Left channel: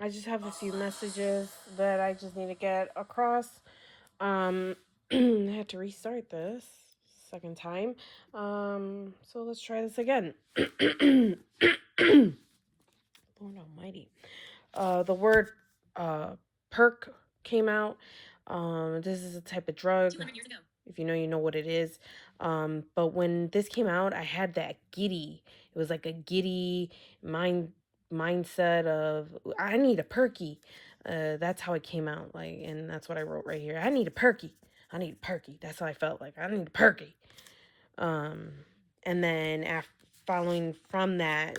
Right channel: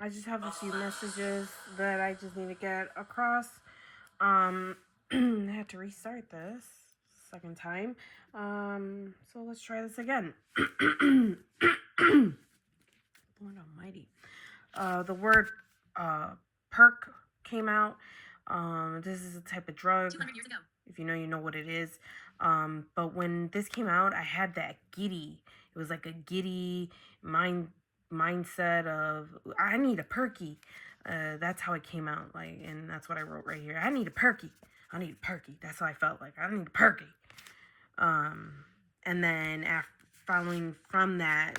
I just have a few messages that I just need to get across. I had to restart this second time. So let's try this again. Lord Almighty. The word perk came out. This is a type of drug. 200 years ago. If you know, you know what it is. But when this came out, I had that giddy. It was like a giddy mindset of I need a perky. That's how it came out. Like, and that's what I wrote right here. I need a perky. I need a perky. That's how I felt like. I need a perky. And then after following from that,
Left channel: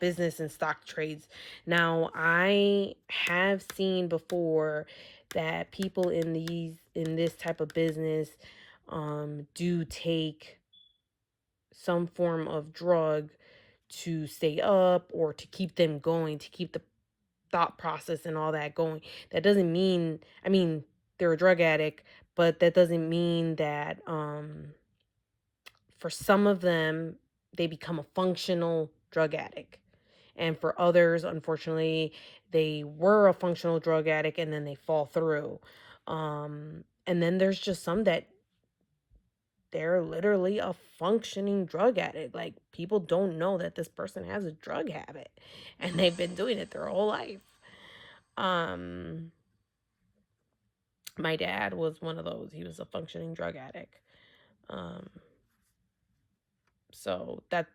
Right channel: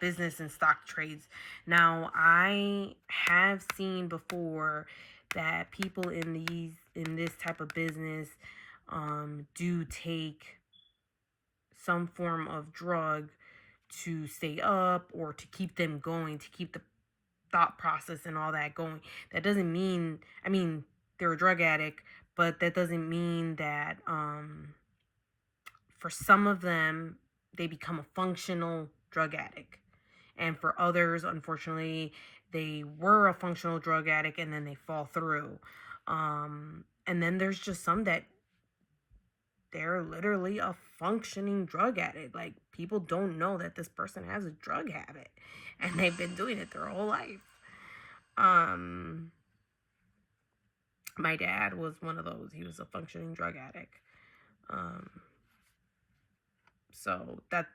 business and stock trades. Now, I have seen before that people in this type of business do take some form of drug to stay up or to keep them going, to keep the thought process and all that going. That doesn't mean, I mean, they're a drug addict, but that doesn't mean that for some of them, they become a functional drug addict. And for others, unfortunately, they were a functional drug addict and then they fall through. And then there's just some that they're literally a functioning drug addict. Like, people don't know that this person has a drug habit and they've been doing it their whole life. My dad was one of those. He was a functioning drug addict. So that's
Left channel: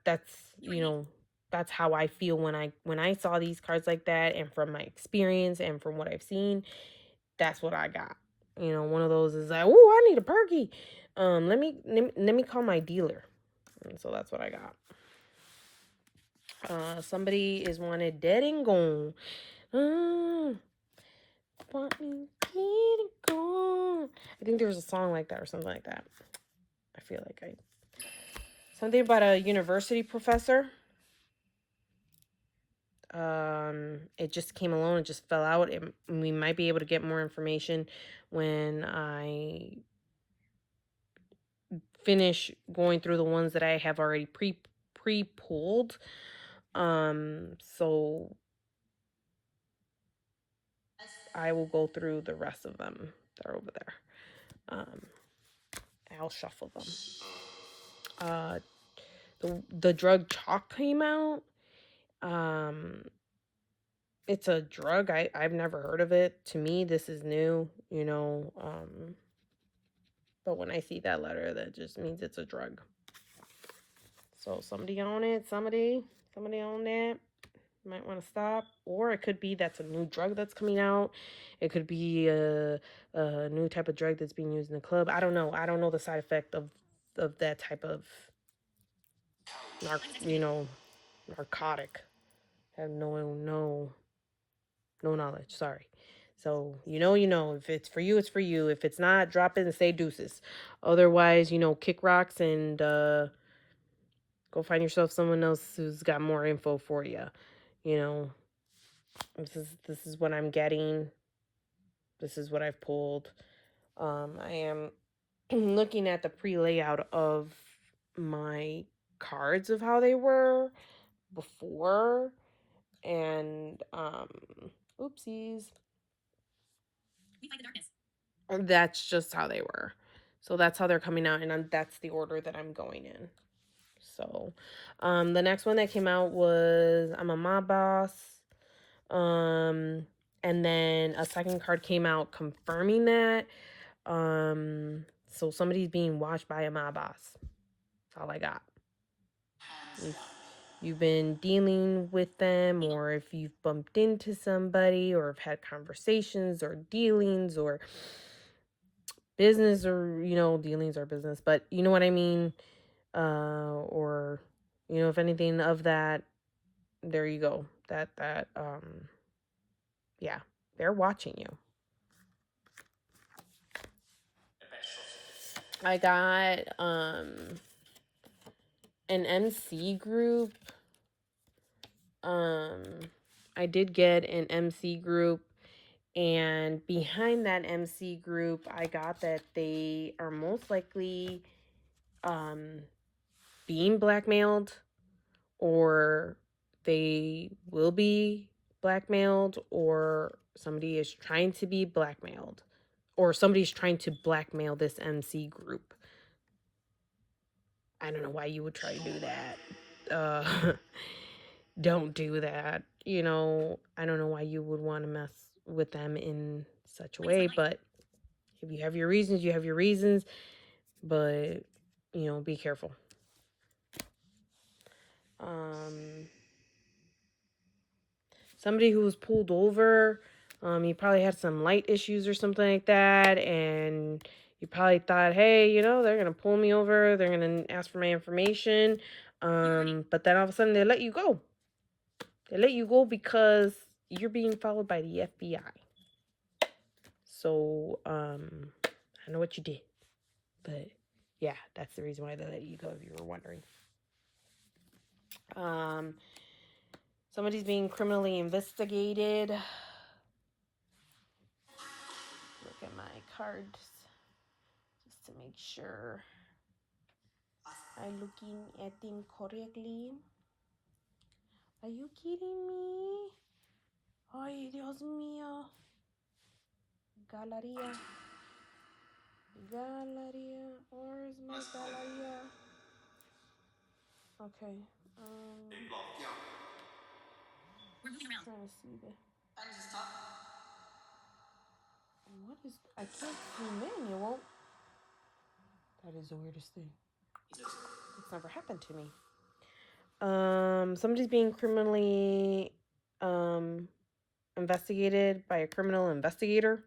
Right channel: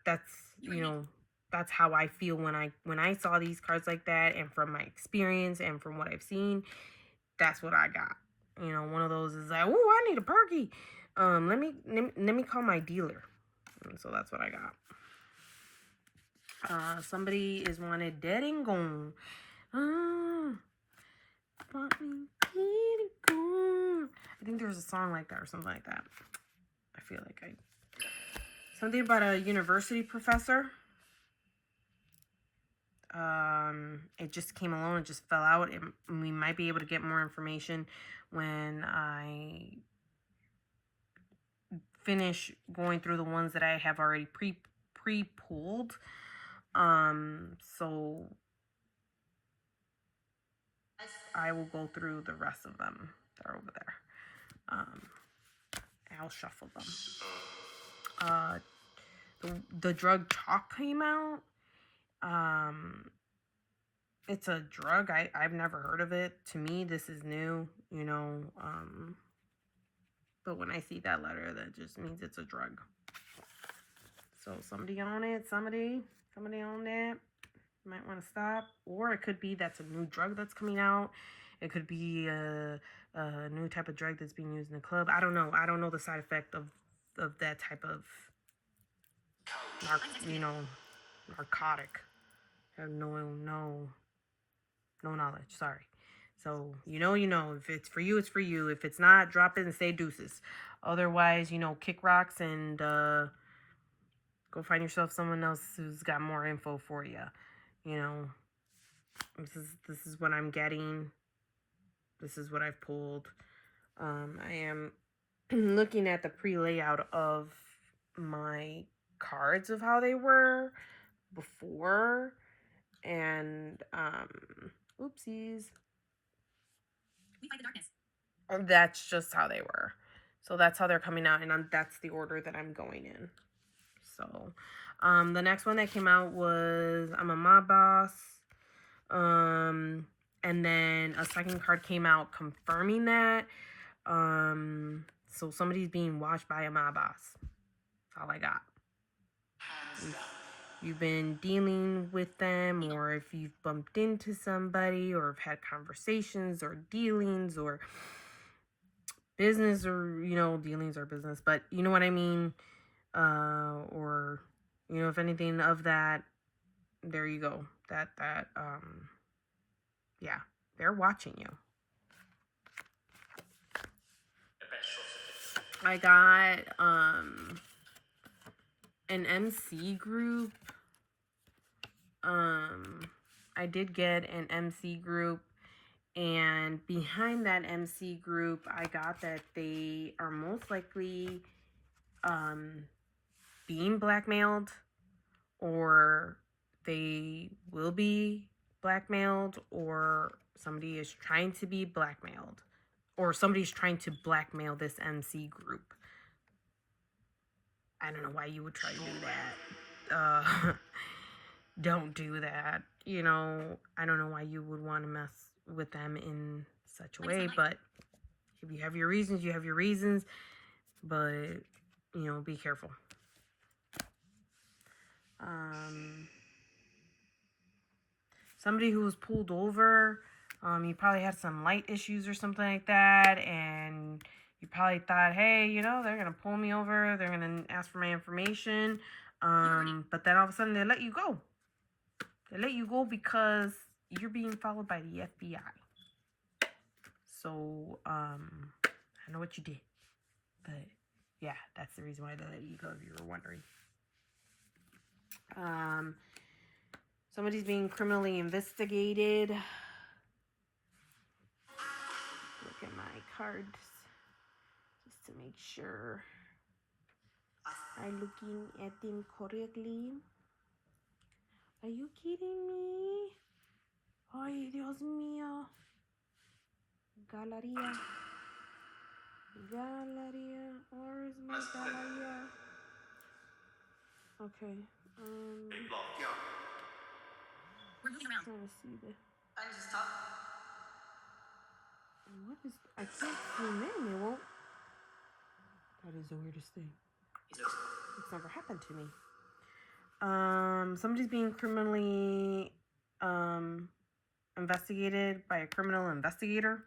that's how I feel when I saw these cards like that, and from my experience and from what I've seen, that's what I got. One of those is like, oh, I need a perky. Let me call my dealer. And so that's what I got. Somebody is wanted dead and gone. I think there's a song like that or something like that. I feel like something about a university professor. It just came along, it just fell out. We might be able to get more information when I finish going through the ones that I have already pre-pulled. So I will go through the rest of them that are over there. I'll shuffle them. The drug chalk came out. It's a drug. I've never heard of it. To me, this is new, but when I see that letter, that just means it's a drug. So somebody on it, somebody on that might want to stop. Or it could be that's a new drug that's coming out. It could be a new type of drug that's being used in the club. I don't know. I don't know the side effect of that type of narcotic. I have no knowledge. Sorry. So, if it's for you, it's for you. If it's not, drop it and say deuces. Otherwise, kick rocks and go find yourself someone else who's got more info for you. This is what I'm getting. This is what I've pulled. I am looking at the pre-layout of my cards of how they were before, and oopsies. We fight the darkness. That's just how they were. So that's how they're coming out, and that's the order that I'm going in. So, the next one that came out was I'm a mob boss. And then a second card came out confirming that. So somebody's being watched by a mob boss. That's all I got. You've been dealing with them, or if you've bumped into somebody, or have had conversations or dealings or business, or dealings or business, but you know what I mean, or if anything of that, there you go. Yeah, they're watching you. I got an MC group. I did get an MC group, and behind that MC group, I got that they are most likely being blackmailed, or they will be blackmailed, or somebody is trying to be blackmailed, or somebody's trying to blackmail this MC group. I don't know why you would try to do that. Don't do that. You know, I don't know why you would want to mess with them in such a way, but if you have your reasons, you have your reasons, but, you know, be careful. Somebody who was pulled over, you probably had some light issues or something like that, and you probably thought, hey, you know, they're gonna pull me over, they're gonna ask for my information, but then all of a sudden they let you go. They let you go because you're being followed by the FBI. So, I know what you did, but yeah, that's the reason why they let you go, if you were wondering. Somebody's being criminally investigated. Look at my cards just to make sure I'm looking at them correctly. Are you kidding me? Ay, Dios mío. Galeria. Galeria. Where's my Galeria? Okay. We're moving around. Trying to see the. I need to stop. What is? I can't see manual. That is the weirdest thing. Jesus. It's never happened to me. Somebody's being criminally investigated by a criminal investigator.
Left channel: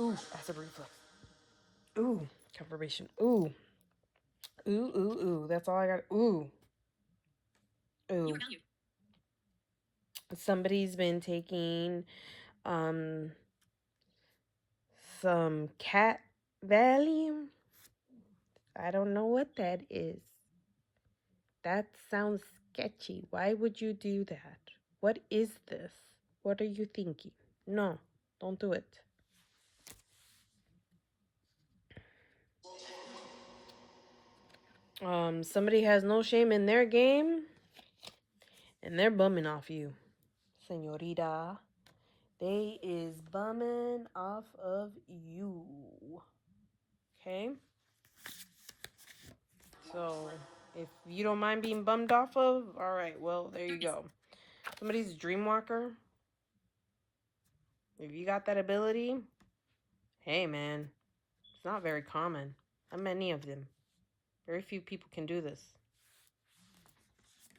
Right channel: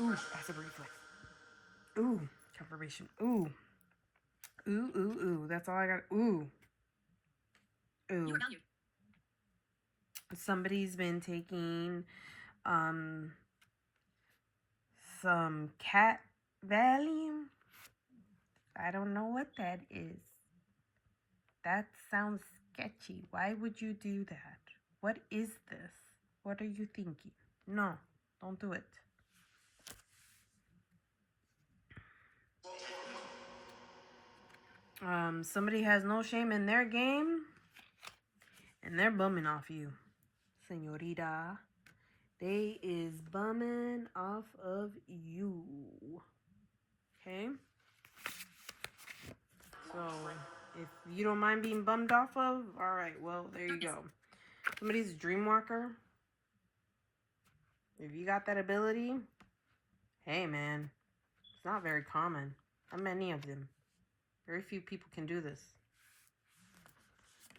Ooh, passive reflex. Ooh, confirmation. Ooh. Ooh. That's all I got. Ooh. You were valued. Somebody's been taking some cat Valium. I don't know what that is. That sounds sketchy. Why would you do that? What is this? What are you thinking? No, don't do it. Somebody has no shame in their game, and they're bumming off you, señorita. They is bumming off of you. Okay? So, if you don't mind being bummed off of, alright, well, there you go. Somebody's a dream walker. If you got that ability, hey man, it's not very common. Not many of them. Very few people can do this.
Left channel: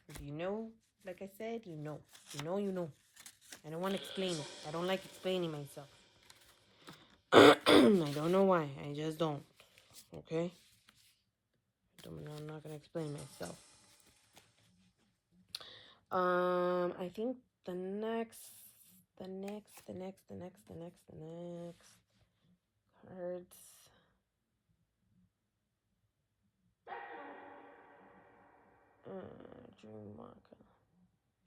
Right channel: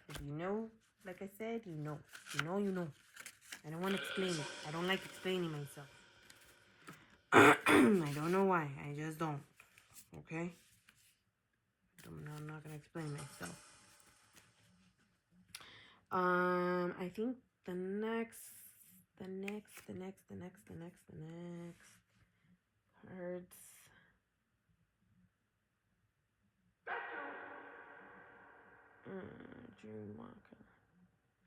If you know, like I said, you know. You know. I don't want to explain it. I don't like explaining myself. I don't know why. I just don't. Okay? I'm not going to explain myself. I think the next cards. Dreamwalker.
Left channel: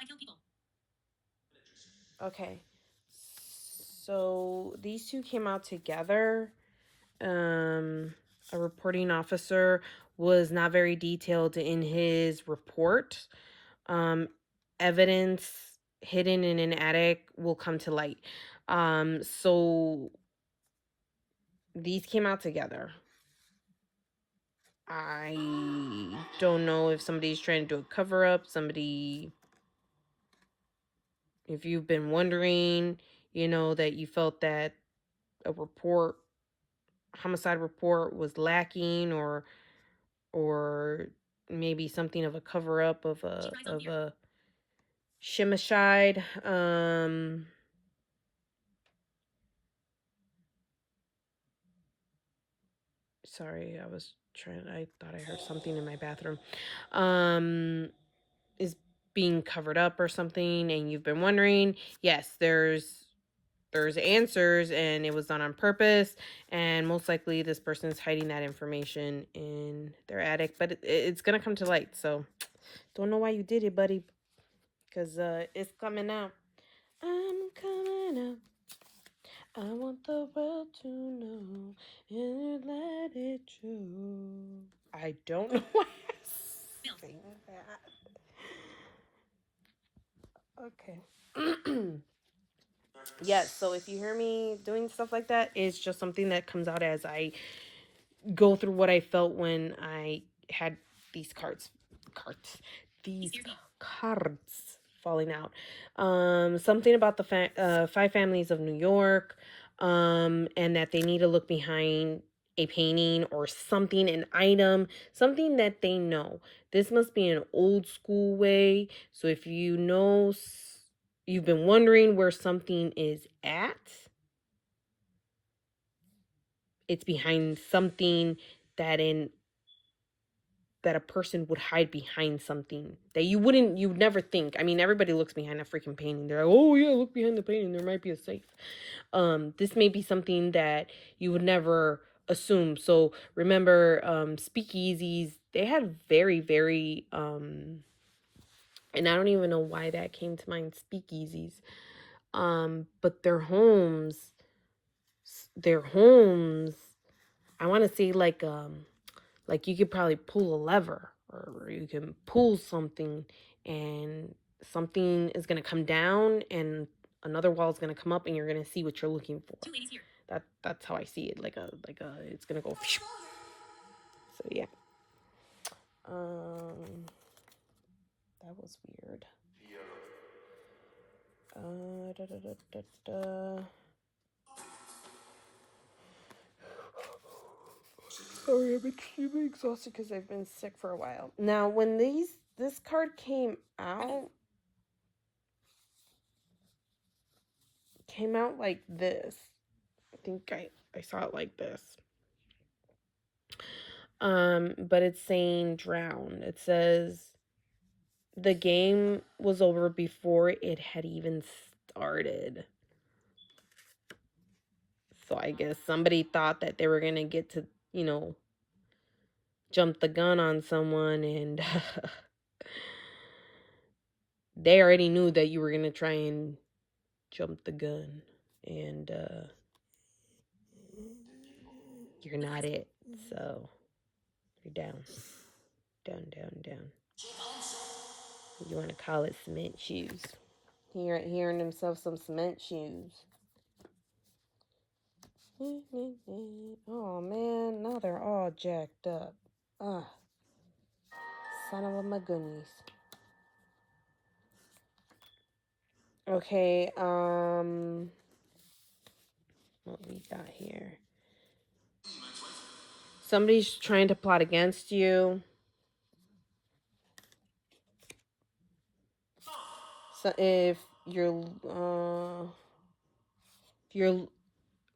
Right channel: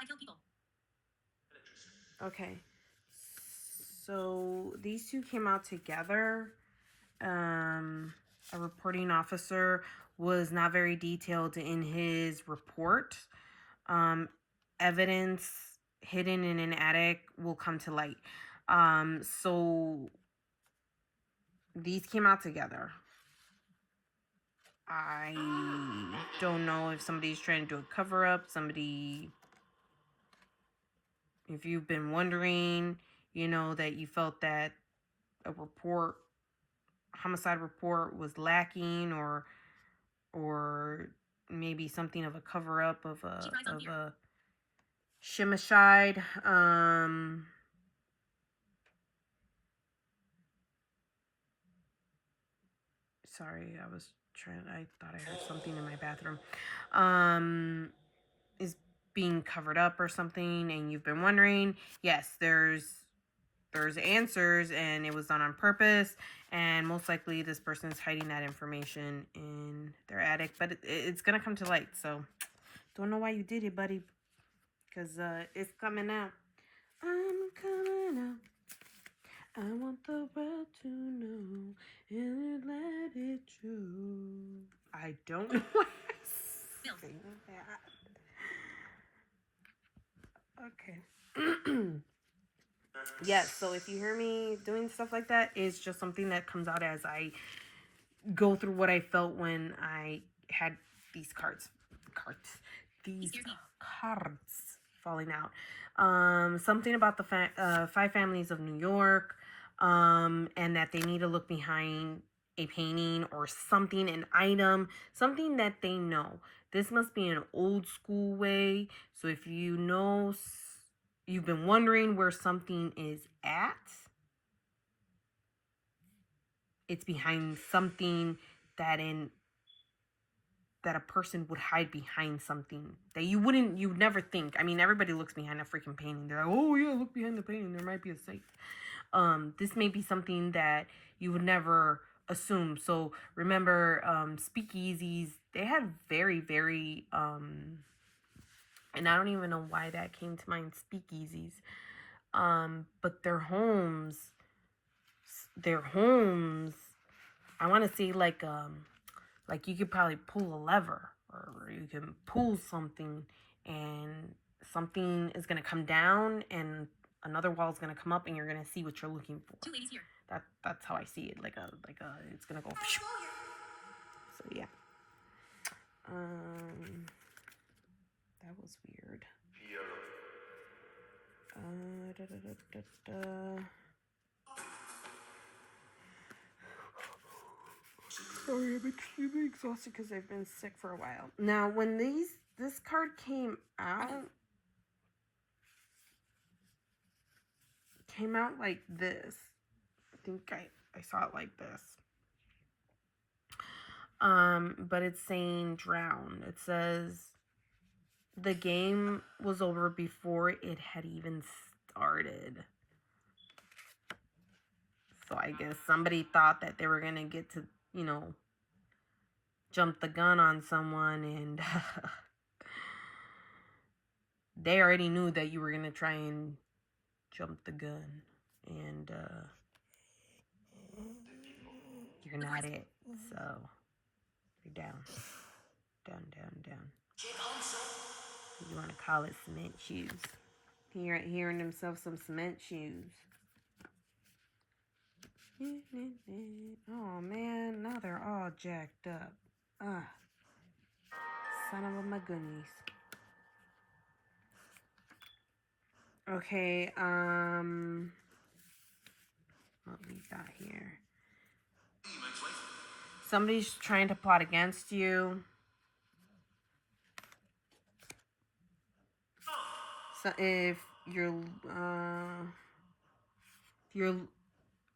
I kill people. Okay. So these two came out together. A reporting officer was not very detailed in his report. Evidence hidden in an attic will come to light. So these came out together. I don't know if somebody's trying to do a cover up, if you've been wondering, you know, that you felt that a homicide report was lacking, or maybe something of a cover up of a shimicide. Sorry, I thought I heard something in my bathroom. Is being covered up or something, and you've been wondering. Yes, there's answers, and it was done on purpose, and most likely this person is hiding that information in their attic, but it's gonna come to light. So don't know why you did it, buddy, because it's coming out. I'm coming out. I want the world to know and let it show. I don't know why I sing that. Okay. Yes, so if you hear me doing stuff like that, it's just something that comes out as I go through what I felt when I had these these cards falling out. Something about the five families of New York, and that they need to look behind a painting or something, an item, something that they know. This must be an old school way. So if you know, you've been wondering where something is at, it's behind something that in that a person would hide behind something that you'd never think. I mean, everybody looks behind a freaking painting. They're like, oh yeah, look behind the painting. There might be a safe. This may be something that you would never assume. So remember, speakeasies, they had very, very, and I don't even know why that came to mind, speakeasies. But their homes, I want to say like you could probably pull a lever or you can pull something and something is going to come down and another wall is going to come up and you're going to see what you're looking for. Two ladies here. That's how I see it. It's going to go. So yeah. That was weird. Da, da, da, da, da. Sorry, I'm extremely exhausted because I've been sick for a while. Now, when this card came out like this. I think I saw it like this. But it's saying drown. It says the game was over before it had even started. So I guess somebody thought that they were gonna get to, jump the gun on someone and they already knew that you were gonna try and jump the gun. And you're not it. So you're down. Down, down, down. You want to call it cement shoes. Hearing himself some cement shoes. Oh man, now they're all jacked up. Ah, son of a my goodness. Okay, what we got here? Somebody's trying to plot against you. So if you're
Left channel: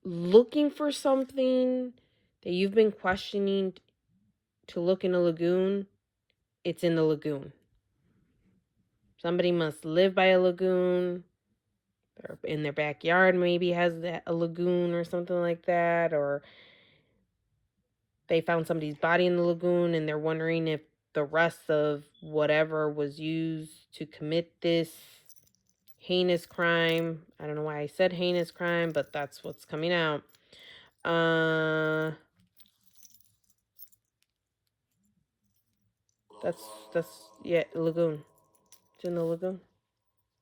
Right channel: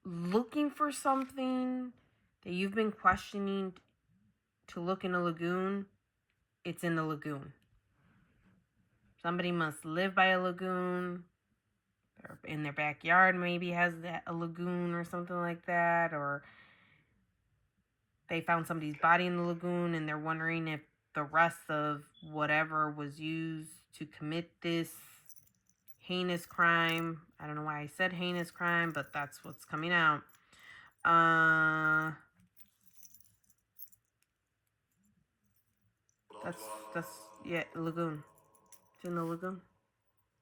looking for something that you've been questioning to look in a lagoon, it's in the lagoon. Somebody must live by a lagoon. Or in their backyard maybe has a lagoon or something like that. Or they found somebody's body in the lagoon and they're wondering if the rest of whatever was used to commit this heinous crime. I don't know why I said heinous crime, but that's what's coming out. That's yeah, lagoon. It's in the lagoon.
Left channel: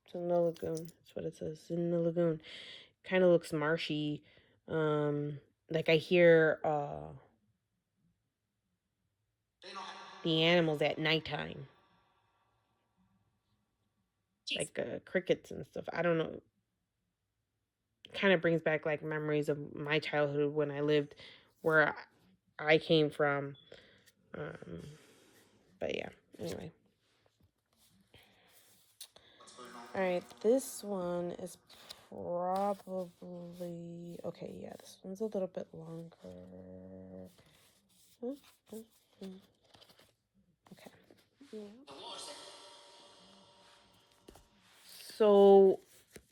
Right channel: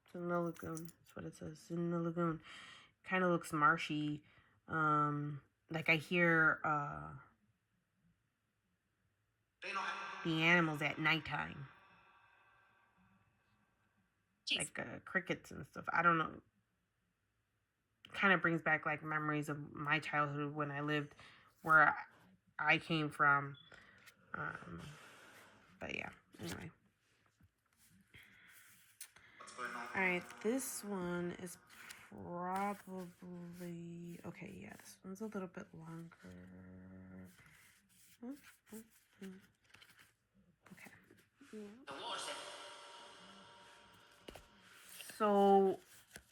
It's in the lagoon. That's what it says. It's in the lagoon. Kind of looks marshy. Like I hear the animals at nighttime. Jeez. Like crickets and stuff. I don't know. Kind of brings back like memories of my childhood when I lived where I came from. But yeah, anyway. Alright, this one is probably... Okay, yeah, this one's a little bit longer. Okay. So,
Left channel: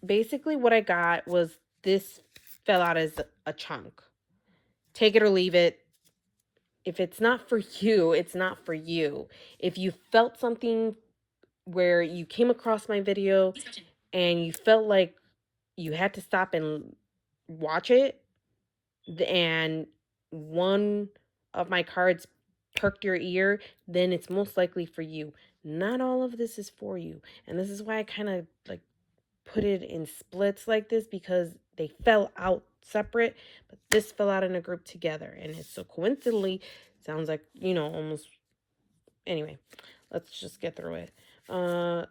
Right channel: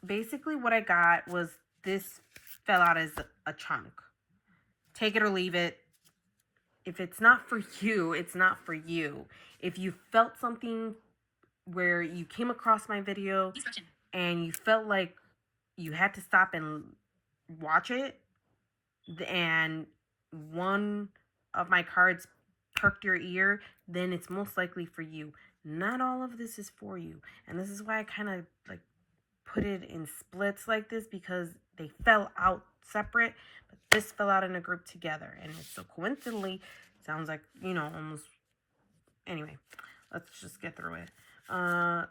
basically what I got was this fell out as a chunk. Take it or leave it. If it's not for you, it's not for you. If you felt something where you came across my video and you felt like you had to stop and watch it, and one of my cards perked your ear, then it's most likely for you. Not all of this is for you. And this is why I kind of like put it in splits like this because they fell out separate, but this fell out in a group together. And it's so coincidentally, sounds like, almost. Anyway, let's just get through it.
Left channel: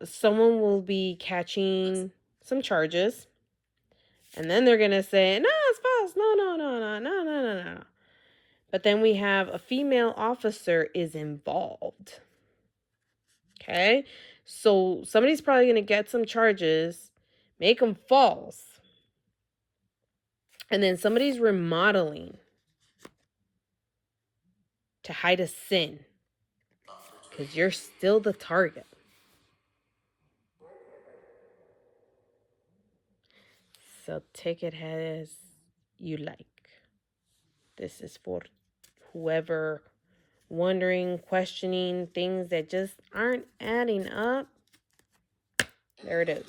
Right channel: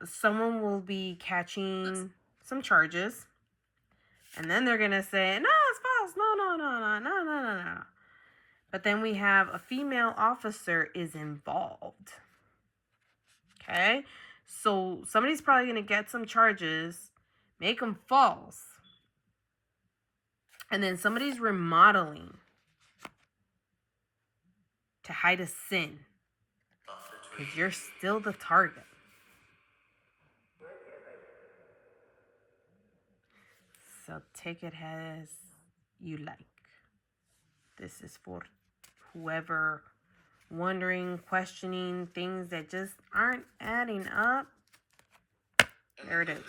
Someone will be catching some charges, and then they're going to say, no, it's false. No, no, no, no, no, no, no, no. But then we have a female officer is involved. Okay? So somebody's probably going to get some charges, make them false. And then somebody's remodeling to hide a sin. Because you're still the target. So take it as you like. This is for whoever wondering, questioning things that just aren't adding up. There it is.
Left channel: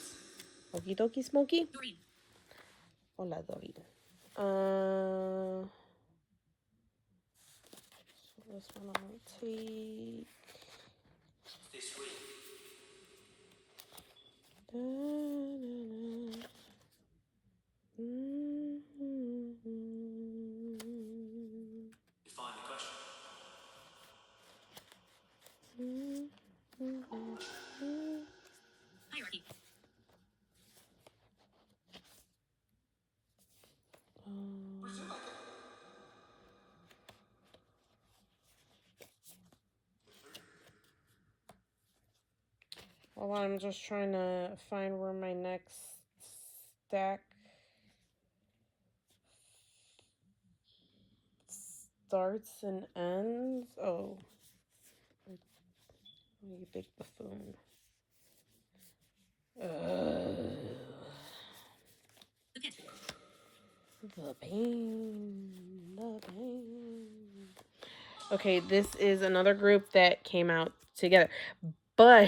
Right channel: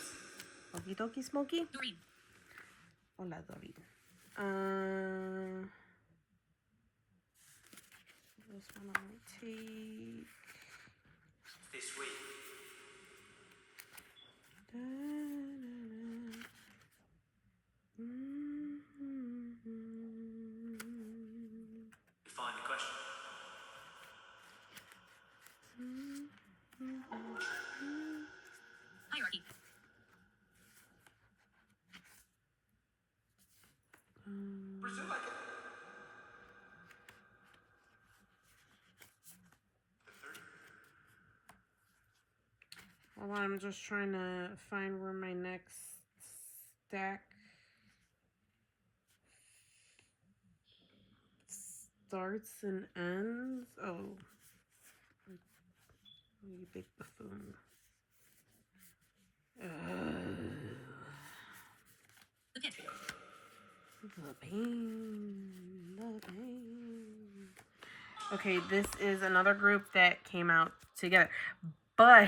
Okie dokie smoky. Doreen. Hola, Doreen. This one I might take. This week. Define the question. Hierarchy. Brazil like it. Well, I'm just trying to find where my next stack starts and ends. Oh, you big buffoon. The pit. The pain. The pain. Okay, this is another group that came out together. But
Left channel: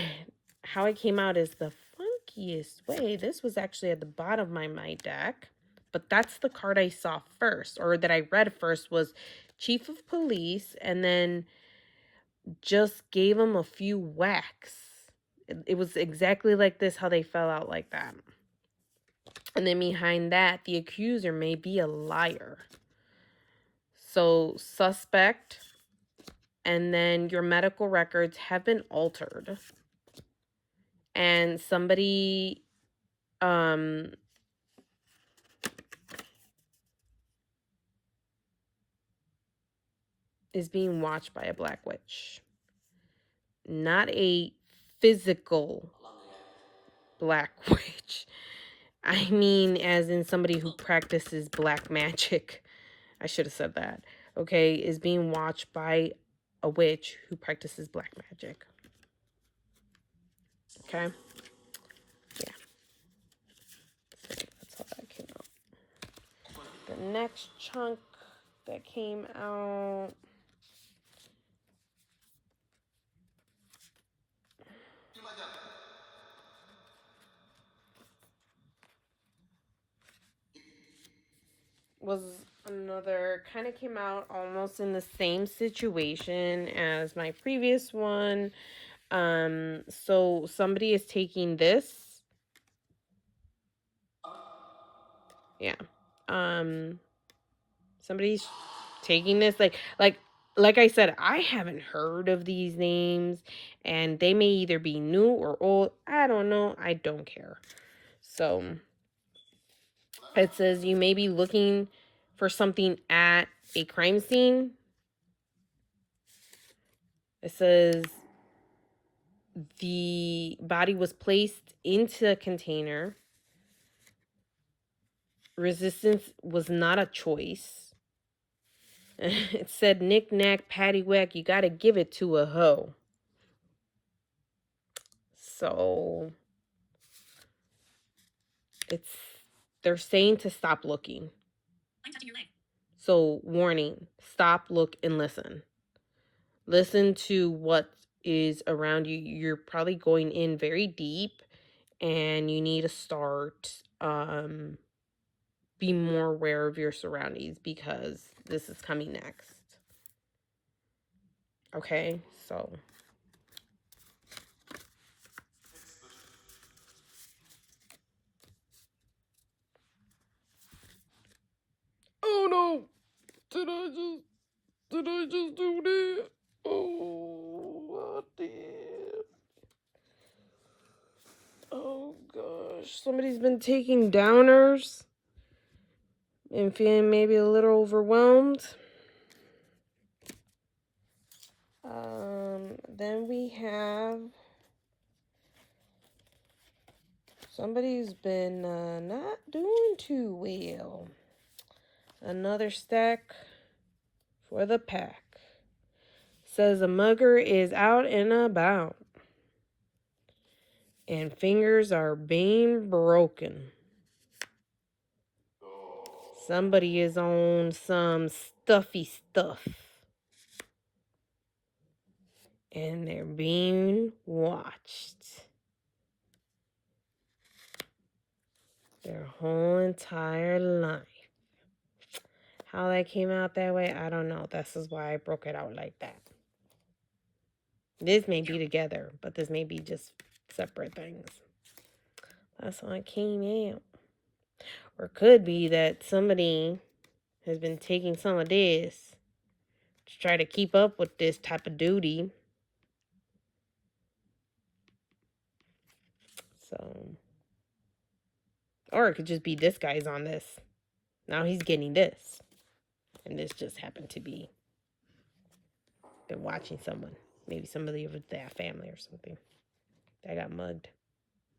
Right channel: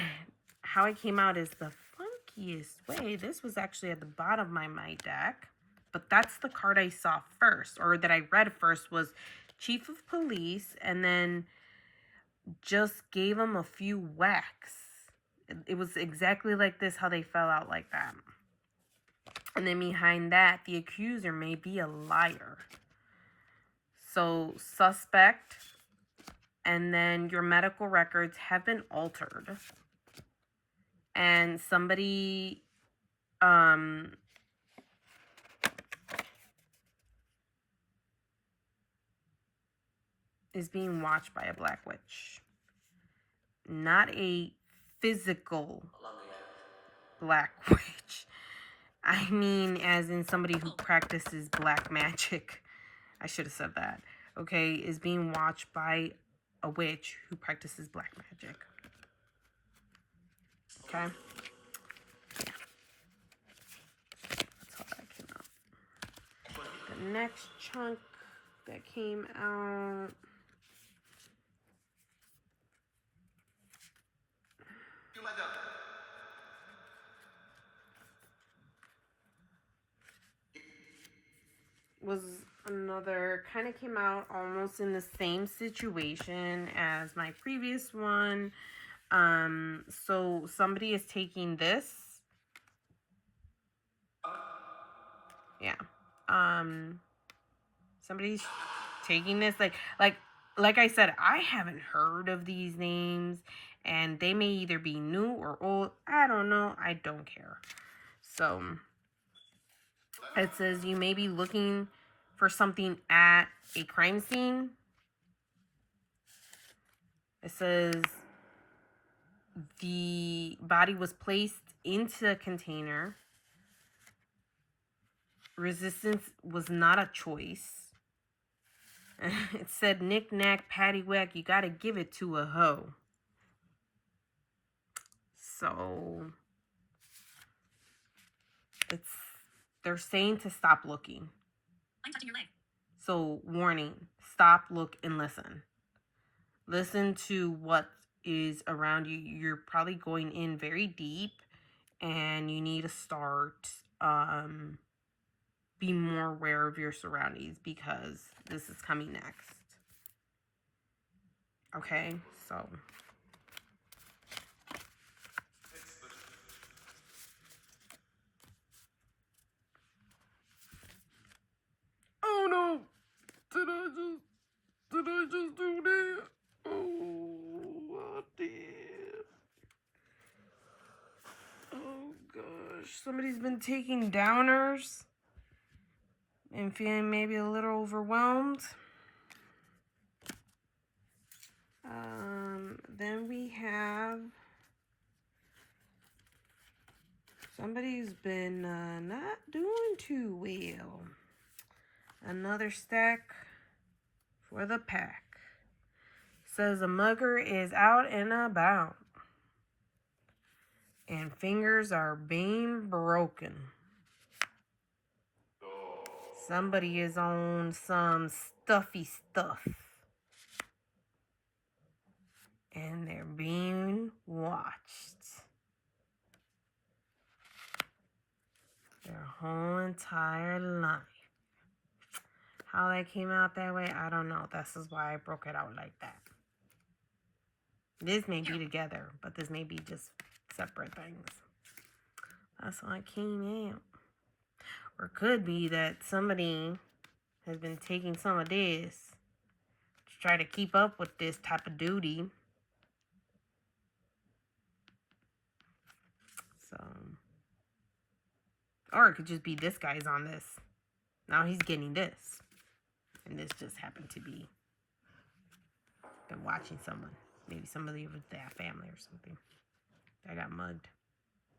how it came out is the funkiest way. This was actually at the bottom of my deck. But that's the card I saw first, or that I read first, was Chief of Police, and then just gave him a few whacks. It was exactly like this, how they fell out like that. And then behind that, the accuser may be a liar. So, suspect, and then your medical records have been altered. And somebody is being watched by a black witch. Not a physical black witch. I mean, as in somebody who practices black magic. I should have said that. Okay, is being watched by a witch who practices black magic. Okay? Yeah. That's how that came out. The next chunk that came out was another, kind of came out almost in the same situation as my previous one. So somebody is taking this. Yeah. Somebody's taking this, like I said, I haven't heard of these names, and they may either be new or old. I don't know. I don't care. So it says you may be looking for something at a crime scene. It says the body was placed into a container. Resistance was not a choice. It said knick knack paddywhack, you gotta give it to a hoe. So they're saying to stop looking. I'm touching your leg. So warning, stop, look, and listen. Listen to what is around you. You're probably going in very deep, and you need to start be more aware of your surroundings, because this is coming next. Okay, so Did I just do that? Oh, I did. Oh gosh, somebody's been taking downers and feeling maybe a little overwhelmed. Then we have somebody's been not doing too well. Another stack for the pack. Says a mugger is out and about and fingers are being broken. Somebody is on some stuffy stuff. And they're being watched. Their whole entire life. How that came out that way, I don't know. This is why I broke it out like that. This may be together, but this may be just separate things. That's how it came out. Or it could be that somebody has been taking some of this to try to keep up with this type of duty. So, or it could just be this guy's on this. Now he's getting this. And this just happened to be been watching someone. Maybe somebody of that family or something. That got mugged.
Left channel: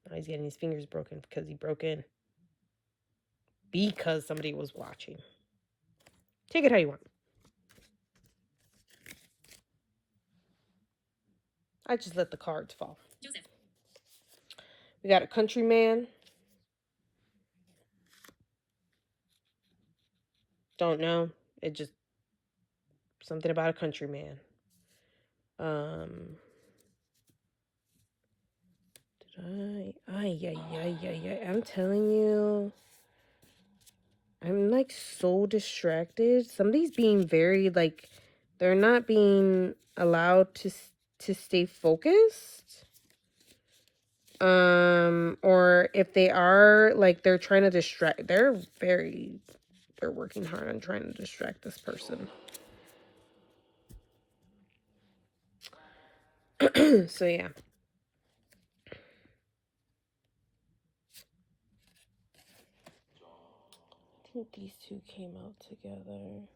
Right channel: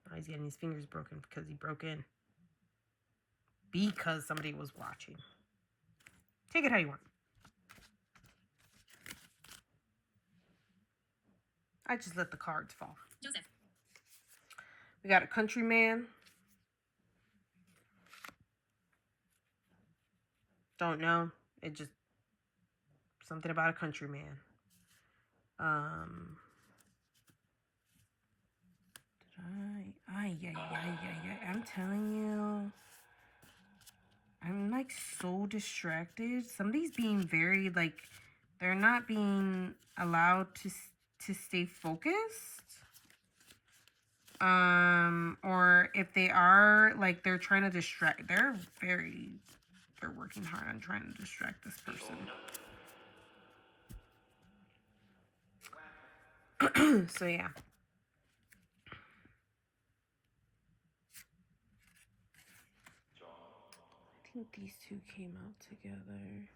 Now he's getting his fingers broken because he broke in. Because somebody was watching. Take it how you want. I just let the cards fall. Joseph. We got a countryman. Don't know. It just something about a countryman. I'm telling you, I'm like so distracted. Somebody's being very like, they're not being allowed to stay focused. Or if they are, like, they're trying to distract. They're working hard on trying to distract this person. So yeah. I think these two came out together.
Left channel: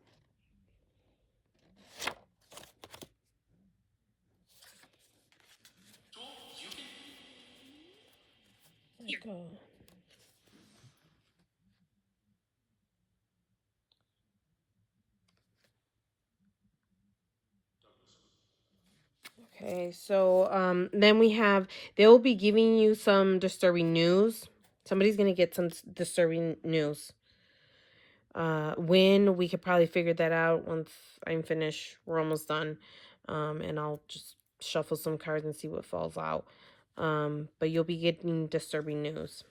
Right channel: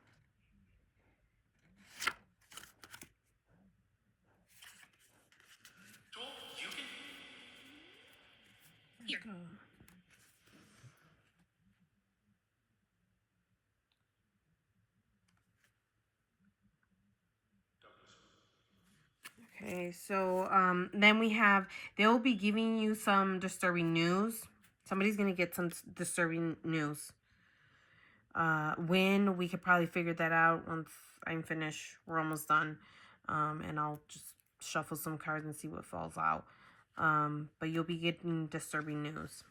Here. Okay, so then we have, they'll be giving you some disturbing news. Somebody's gonna get some disturbing news. When we could probably figure that out once I'm finished. We're almost done. And I'll just shuffle some cards and see what falls out. But you'll be getting disturbing news.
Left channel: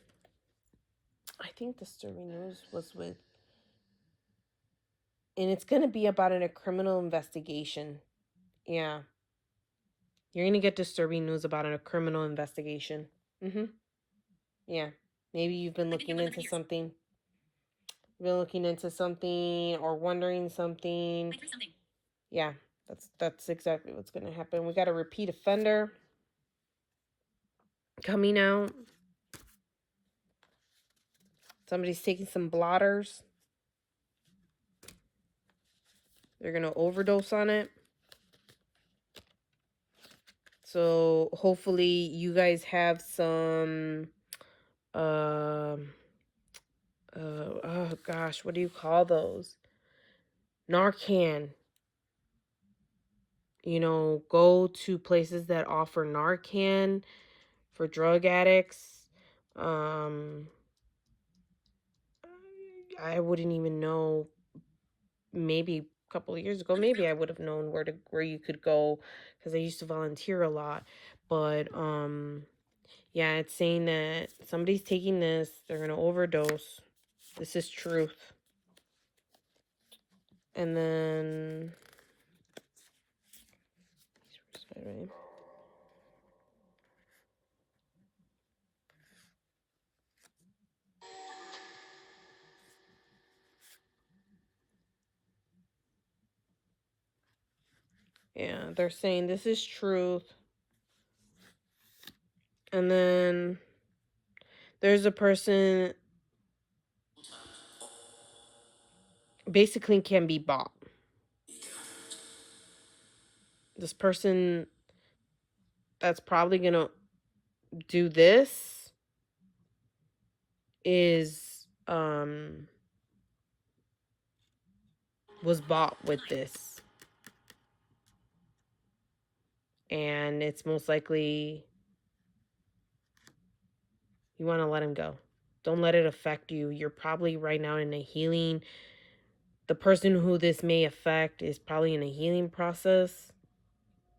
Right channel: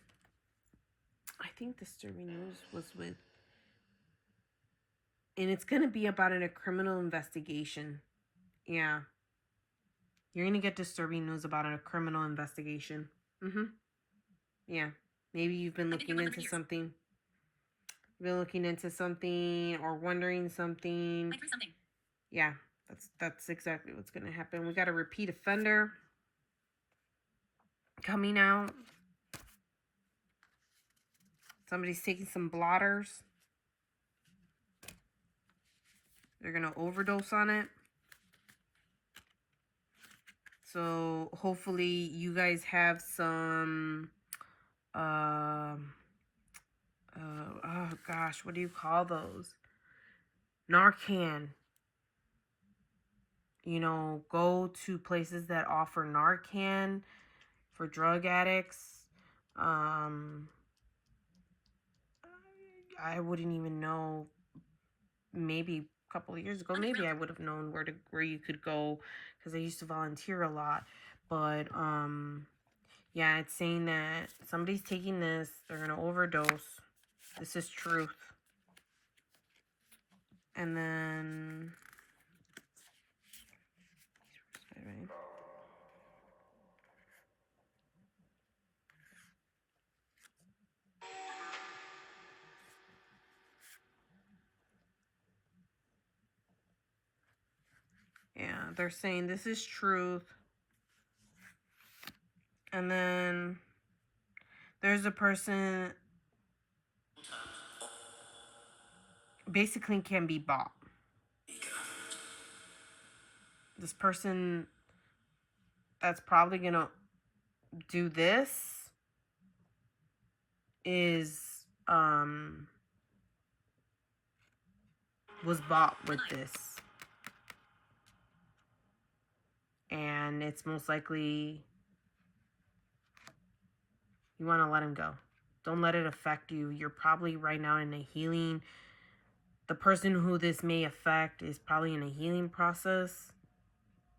I think disturbing news was with, and it's gonna be about a criminal investigation. Yeah. You're gonna get disturbing news about a criminal investigation. Yeah. Maybe you've been looking into something. Or wondering something. Yeah, that's exactly what's gonna happen. We got a repeat offender coming out. Somebody's taking some blotters. They're gonna overdose on it. So hopefully you guys have some oh gosh, what do you call those? Narcan. You know, go to places that offer Narcan for drug addicts. I wouldn't even know. Maybe a couple of years ago, maybe I would have known where you could go because I used to volunteer a lot. But yeah, it's saying that somebody's taking this, they're gonna overdose. This is truth. And then they're saying this is truth. And then there's a person basically can be bought. This person that's probably gonna do this is was bought with this, and it's most likely you want to let him go. Don't let it affect you. You're probably right now in a healing. The person who this may affect is probably in a healing process,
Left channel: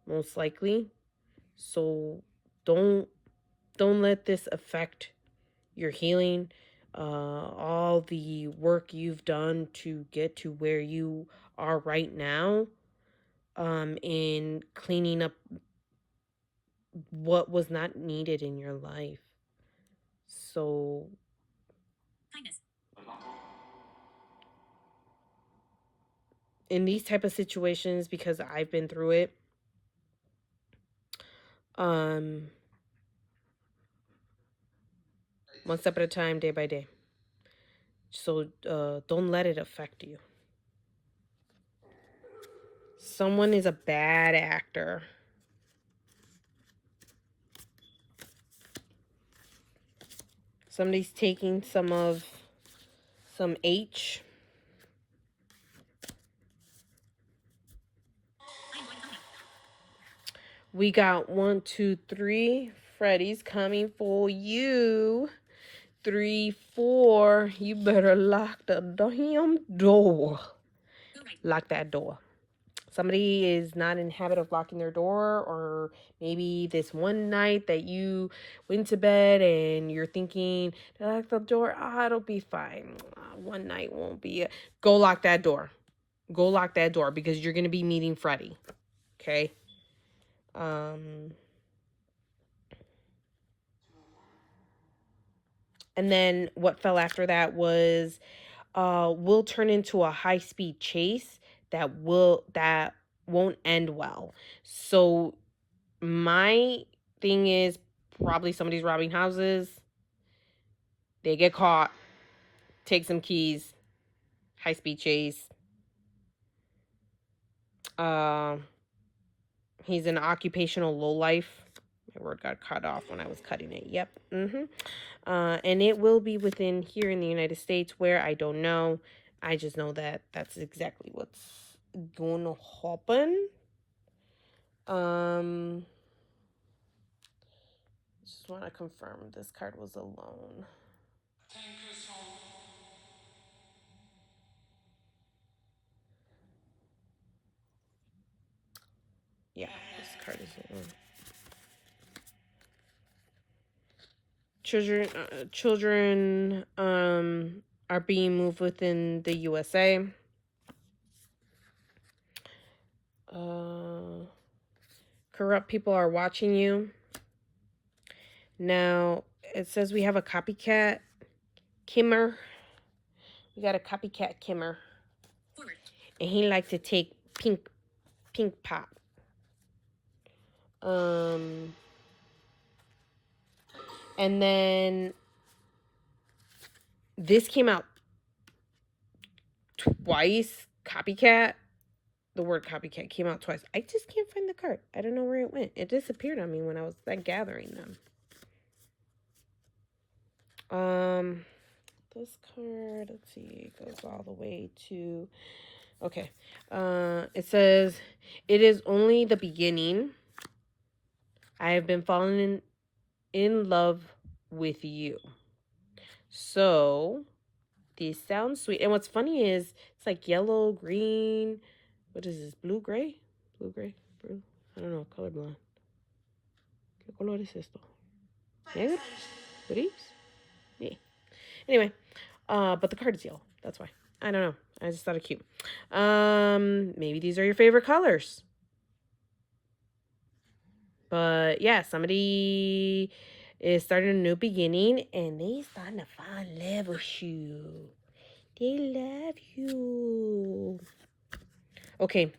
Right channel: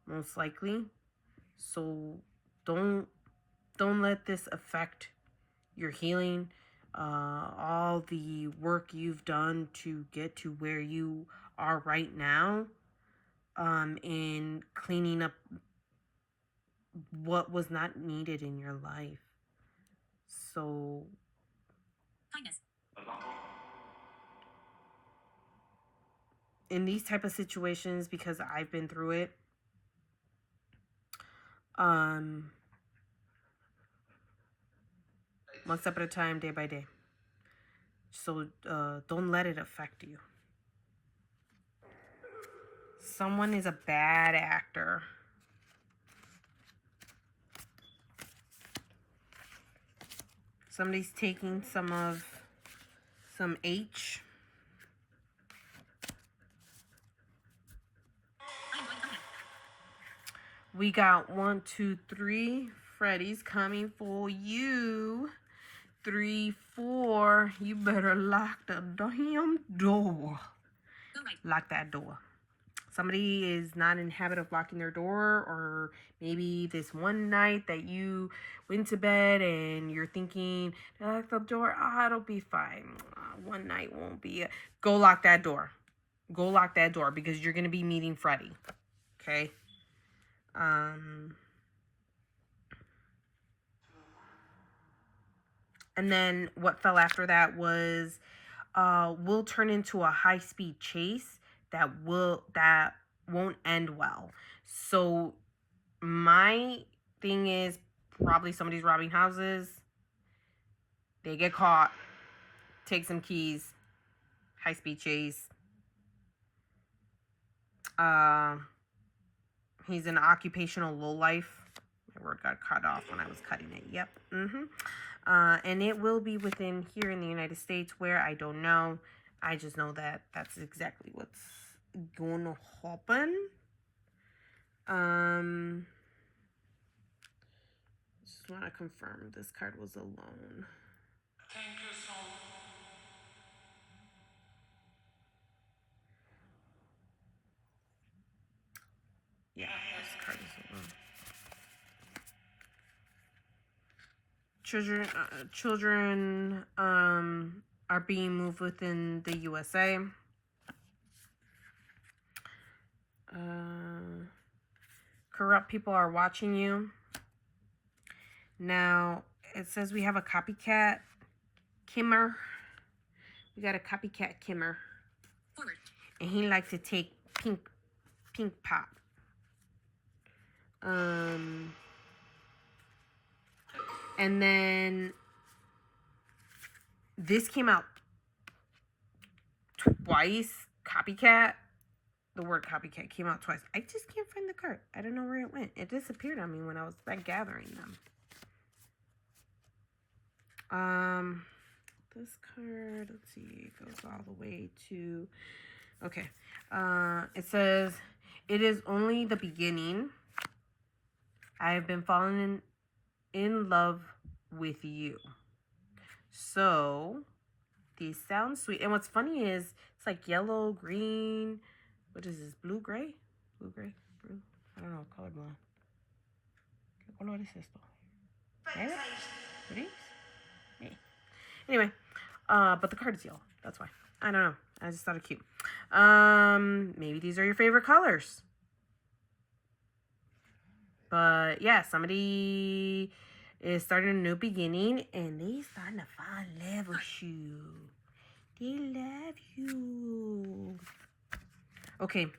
most likely. So don't let this affect your healing. All the work you've done to get to where you are right now, in cleaning up what was not needed in your life. So kindness. In these type of situations, because I've been through it, one step at a time, day by day. So don't let it affect you. Someone is a bad actor. Somebody's taking some H. We got 1, 2, 3. Freddy's coming for you. 3, 4. You better lock the damn door. Lock that door. Somebody is not in habit of locking their door, or maybe this one night that you went to bed and you're thinking, lock the door, it'll be fine. One night won't be it. Go lock that door. Go lock that door, because you're going to be meeting Freddy. Okay? And then what fell after that was will turn into a high-speed chase that won't end well. So my thing is, probably somebody's robbing houses. They get caught. Take some keys. High-speed chase. He's an occupational lowlife. My word got cut off when I was cutting it. Yep. And it will be within here in the United States, where I don't know. I just know that that's exactly what's going to happen. Just want to confirm this card was alone. Thank you so much. Yeah, this card is alone. Children are being moved within the USA. Corrupt people are watching you. Now, it says we have a copycat Kimmer. We got a copycat Kimmer. Forward. And he likes to take pink pop. And then this came out twice. Copycat. The word copycat came out twice. I just can't find the card. I don't know where it went. It disappeared on me when I was like gathering them. This card, let's see, it goes all the way to, okay. It says, it is only the beginning. I have been falling in love with you. So, these sound sweet. And what's funny is, it's like yellow, green, what is this, blue, gray? Blue, gray, blue? I don't know, colorblind. ¿Qué color es esto? Negro? Gris? Yeah. Anyway, but the card is yellow. That's why. I don't know. I just thought it cute. Maybe these are your favorite colors. But yeah, somebody is starting a new beginning, and they starting to fall in love with you. They love you. Okay,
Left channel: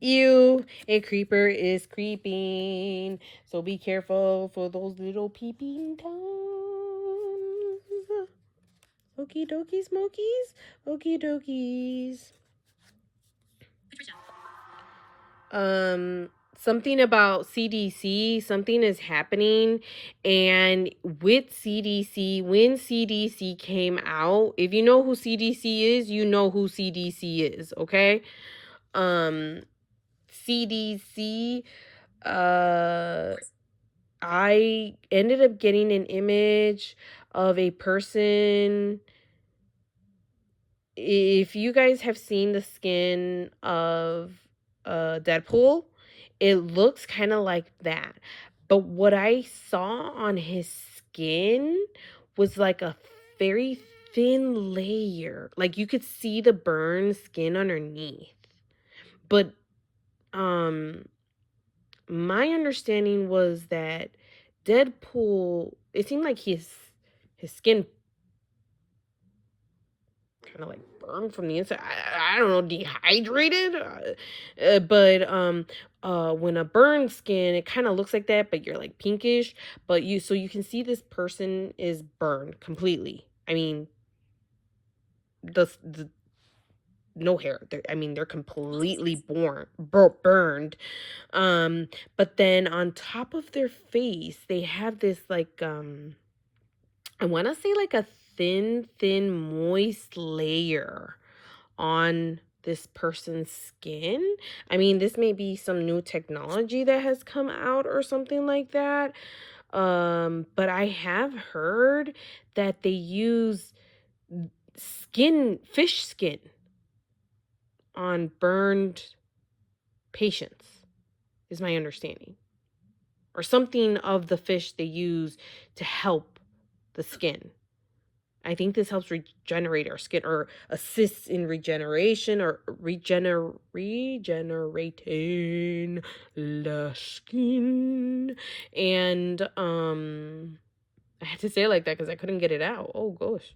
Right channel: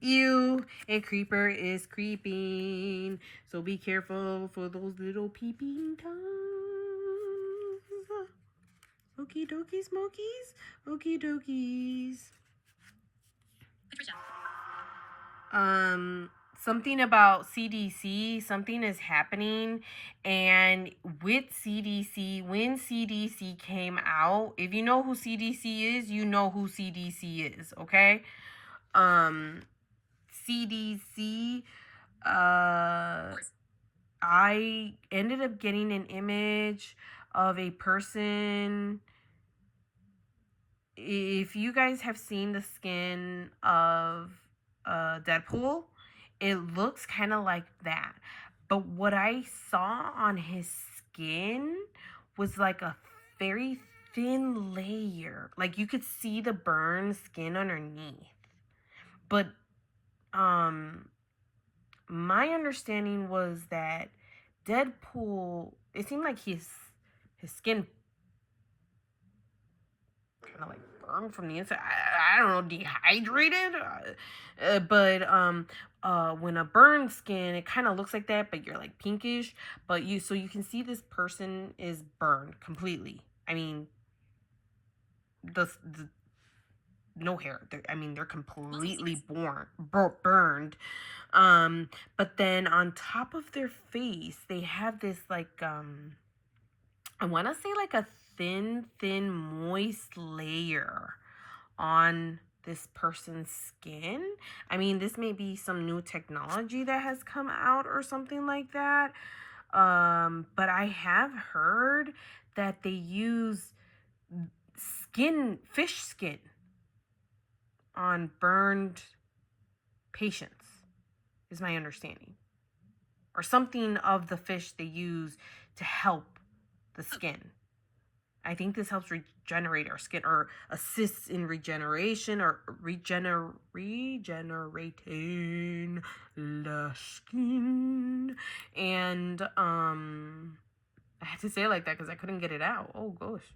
Ew, a creeper is creeping. So be careful for those little peeping toms. Okie dokie smokies. Okie dokies. Um, something about CDC, something is happening. And with CDC, when CDC came out, if you know who CDC is, you know who CDC is, okay? Um, CDC, I ended up getting an image of a person. If you guys have seen the skin of Deadpool, it looks kind of like that. But what I saw on his skin was like a very thin layer. Like you could see the burned skin underneath. But um my understanding was that Deadpool, it seemed like his skin kind of like burned from the inside. I don't know, dehydrated. But when a burned skin, it kind of looks like that, but you're like pinkish. But you can see this person is burned completely. I mean, the no hair. They're completely burned. But then on top of their face, they have this like I want to say like a thin, moist layer on this person's skin. I mean, this may be some new technology that has come out or something like that. But I have heard that they use fish skin on burned patients, is my understanding. Or something of the fish they use to help the skin. I think this helps regenerate our skin or assists in regeneration or regenerating the skin. And I had to say it like that because I couldn't get it out. Oh gosh.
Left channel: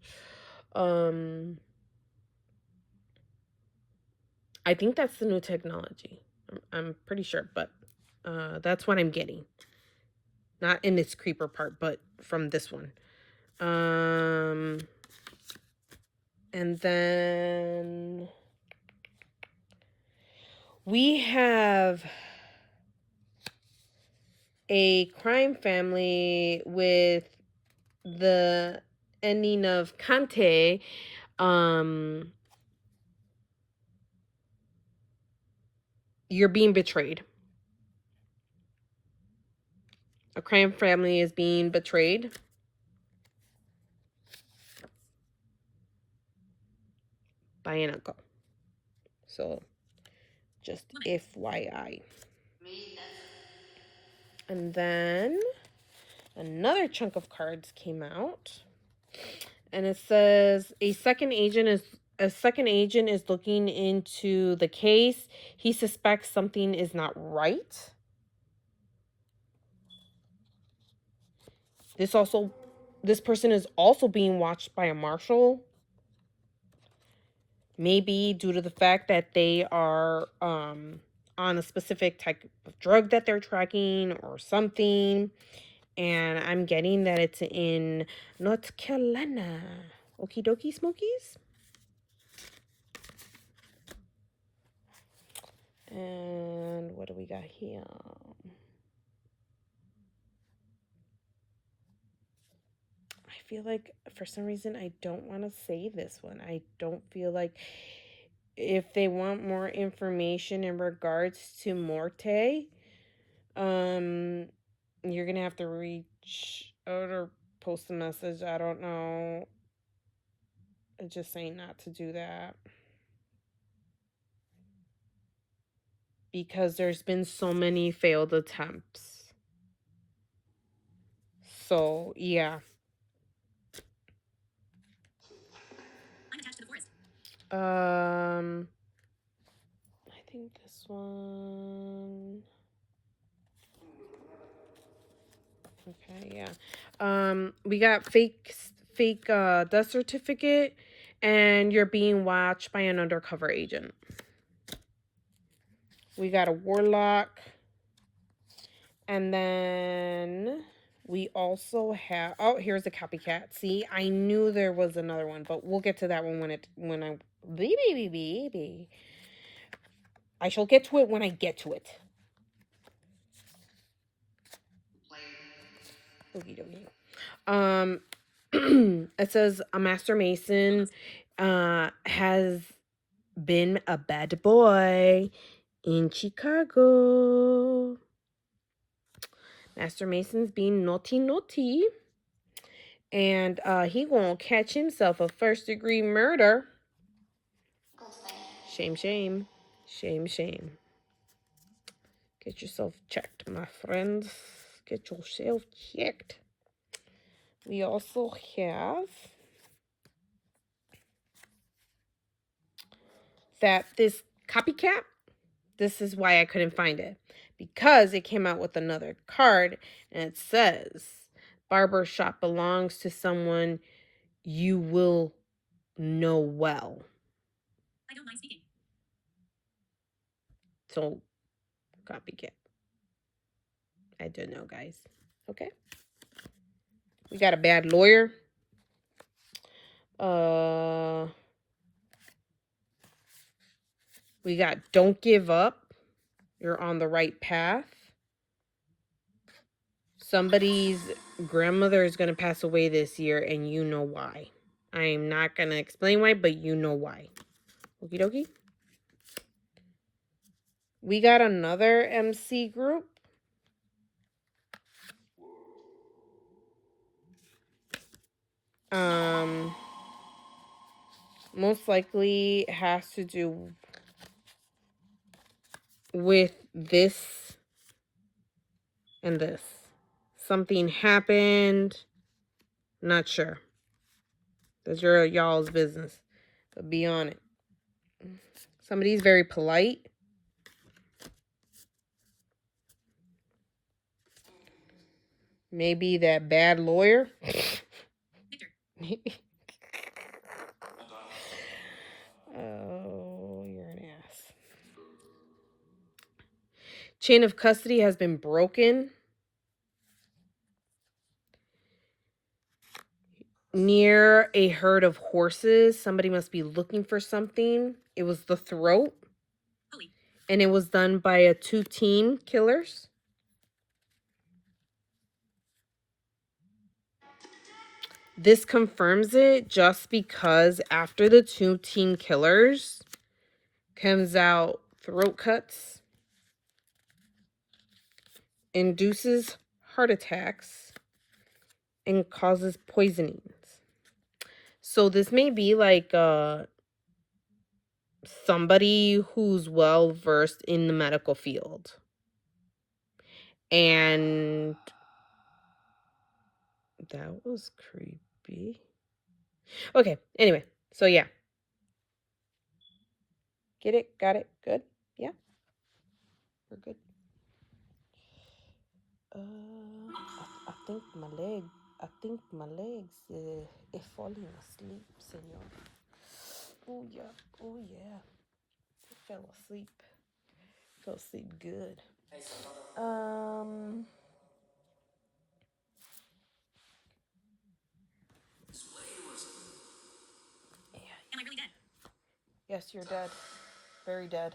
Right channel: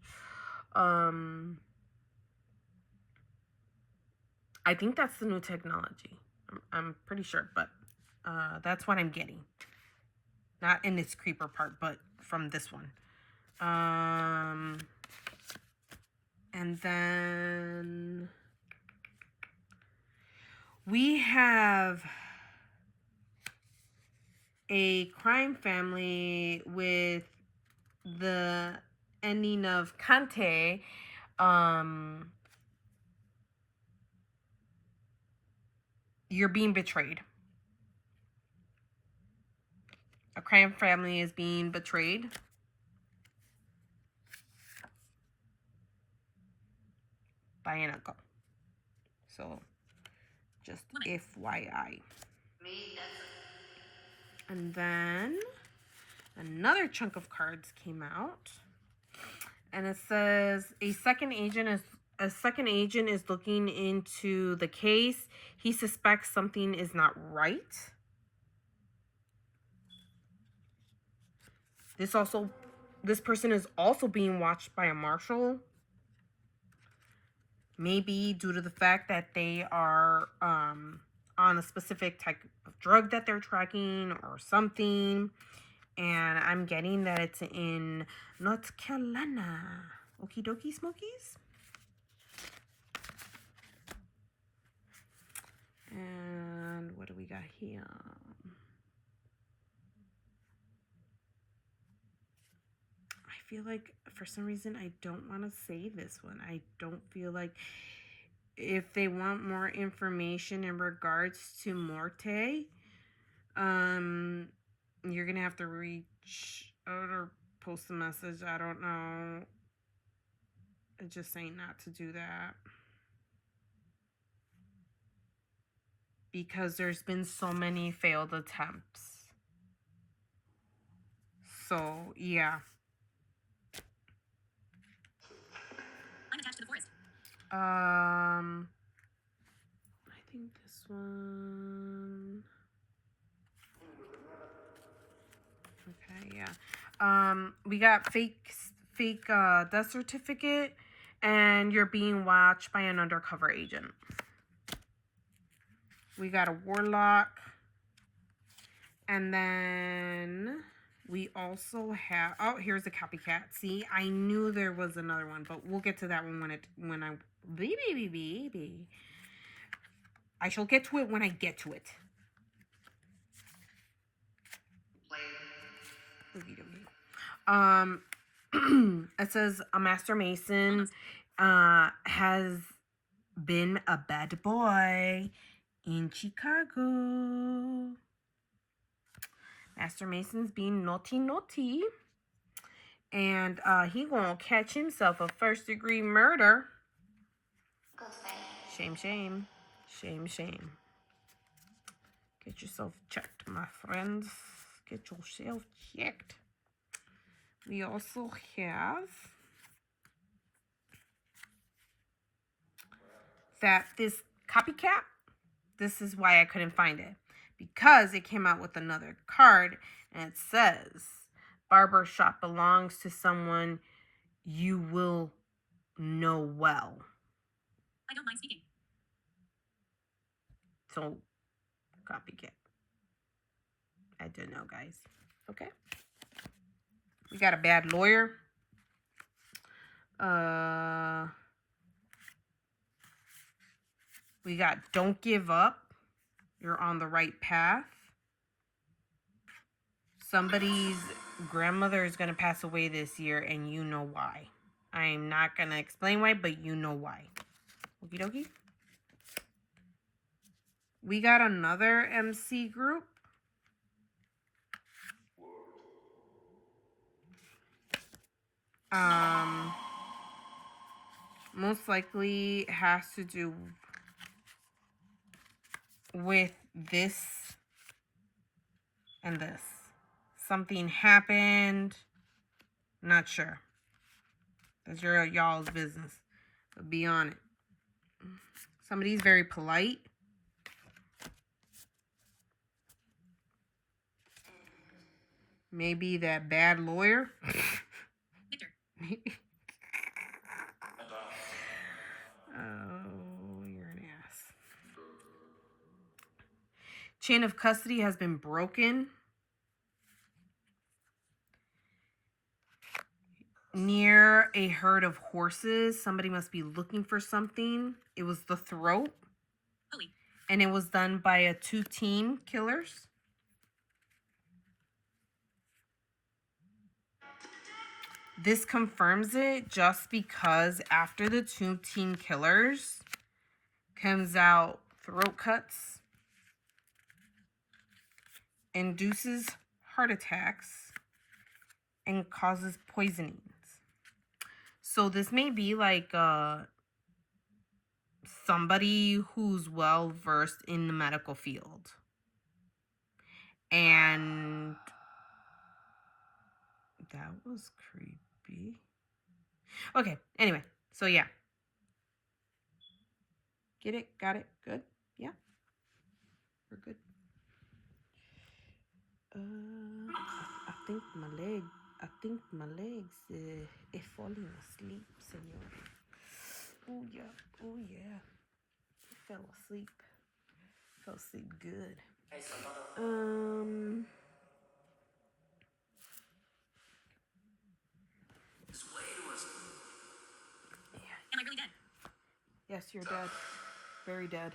I think that's the new technology. I'm pretty sure, but that's what I'm getting. Not in this creeper part, but from this one. And then we have a crime family with the ending of Kante. You're being betrayed. A crime family is being betrayed by an uncle. So, just FYI. And then another chunk of cards came out, and it says a second agent is looking into the case. He suspects something is not right. This person is also being watched by a marshal. Maybe due to the fact that they are on a specific type of drug that they're tracking or something. And I'm getting that it's in North Carolina. Okie dokie smokies. And what do we got here? I feel like for some reason I don't want to say this one. I don't feel like if they want more information in regards to Morte, you're gonna have to reach out or post a message. I don't know. It's just saying not to do that. Because there's been so many failed attempts. So, yeah. Unattached to the forest. I think this one. Okay, yeah. We got fake death certificate, and you're being watched by an undercover agent. We got a warlock. And then we also have, oh, here's a copycat. See, I knew there was another one, but we'll get to that one when I baby. I shall get to it when I get to it. Okie dokie. It says a master mason has been a bad boy in Chicago. Master Mason's being naughty. And he gonna catch himself a first-degree murder. Shame. Get yourself checked, my friends. Get yourself checked. We also have that this copycat, this is why I couldn't find it. Because it came out with another card and it says, barber shop belongs to someone you will know well. I don't mind speaking. So, copycat. I don't know, guys. Okay. We got a bad lawyer. We got don't give up. You're on the right path. Somebody's grandmother is going to pass away this year, and you know why. I am not going to explain why, but you know why. Okie dokie. We got another MC group. Most likely has to do with this and this. Something happened. Not sure. That's your y'all's business. But be on it. Somebody's very polite. Maybe that bad lawyer. Victor. Oh, you're an ass. Chain of custody has been broken. Near a herd of horses. Somebody must be looking for something. It was the throat. Holy. And it was done by a 2 teen killers. This confirms it just because after the 2 teen killers comes out throat cuts, induces heart attacks, and causes poisonings. So this may be like somebody who's well versed in the medical field. And that was creepy. Okay, anyway, so yeah. Get it? Got it? Good? Yeah? We're good. I think my legs is falling asleep, senor. Oh yeah. I fell asleep. Fell asleep good. Am I really dead? Yes, you're dead. Very dead.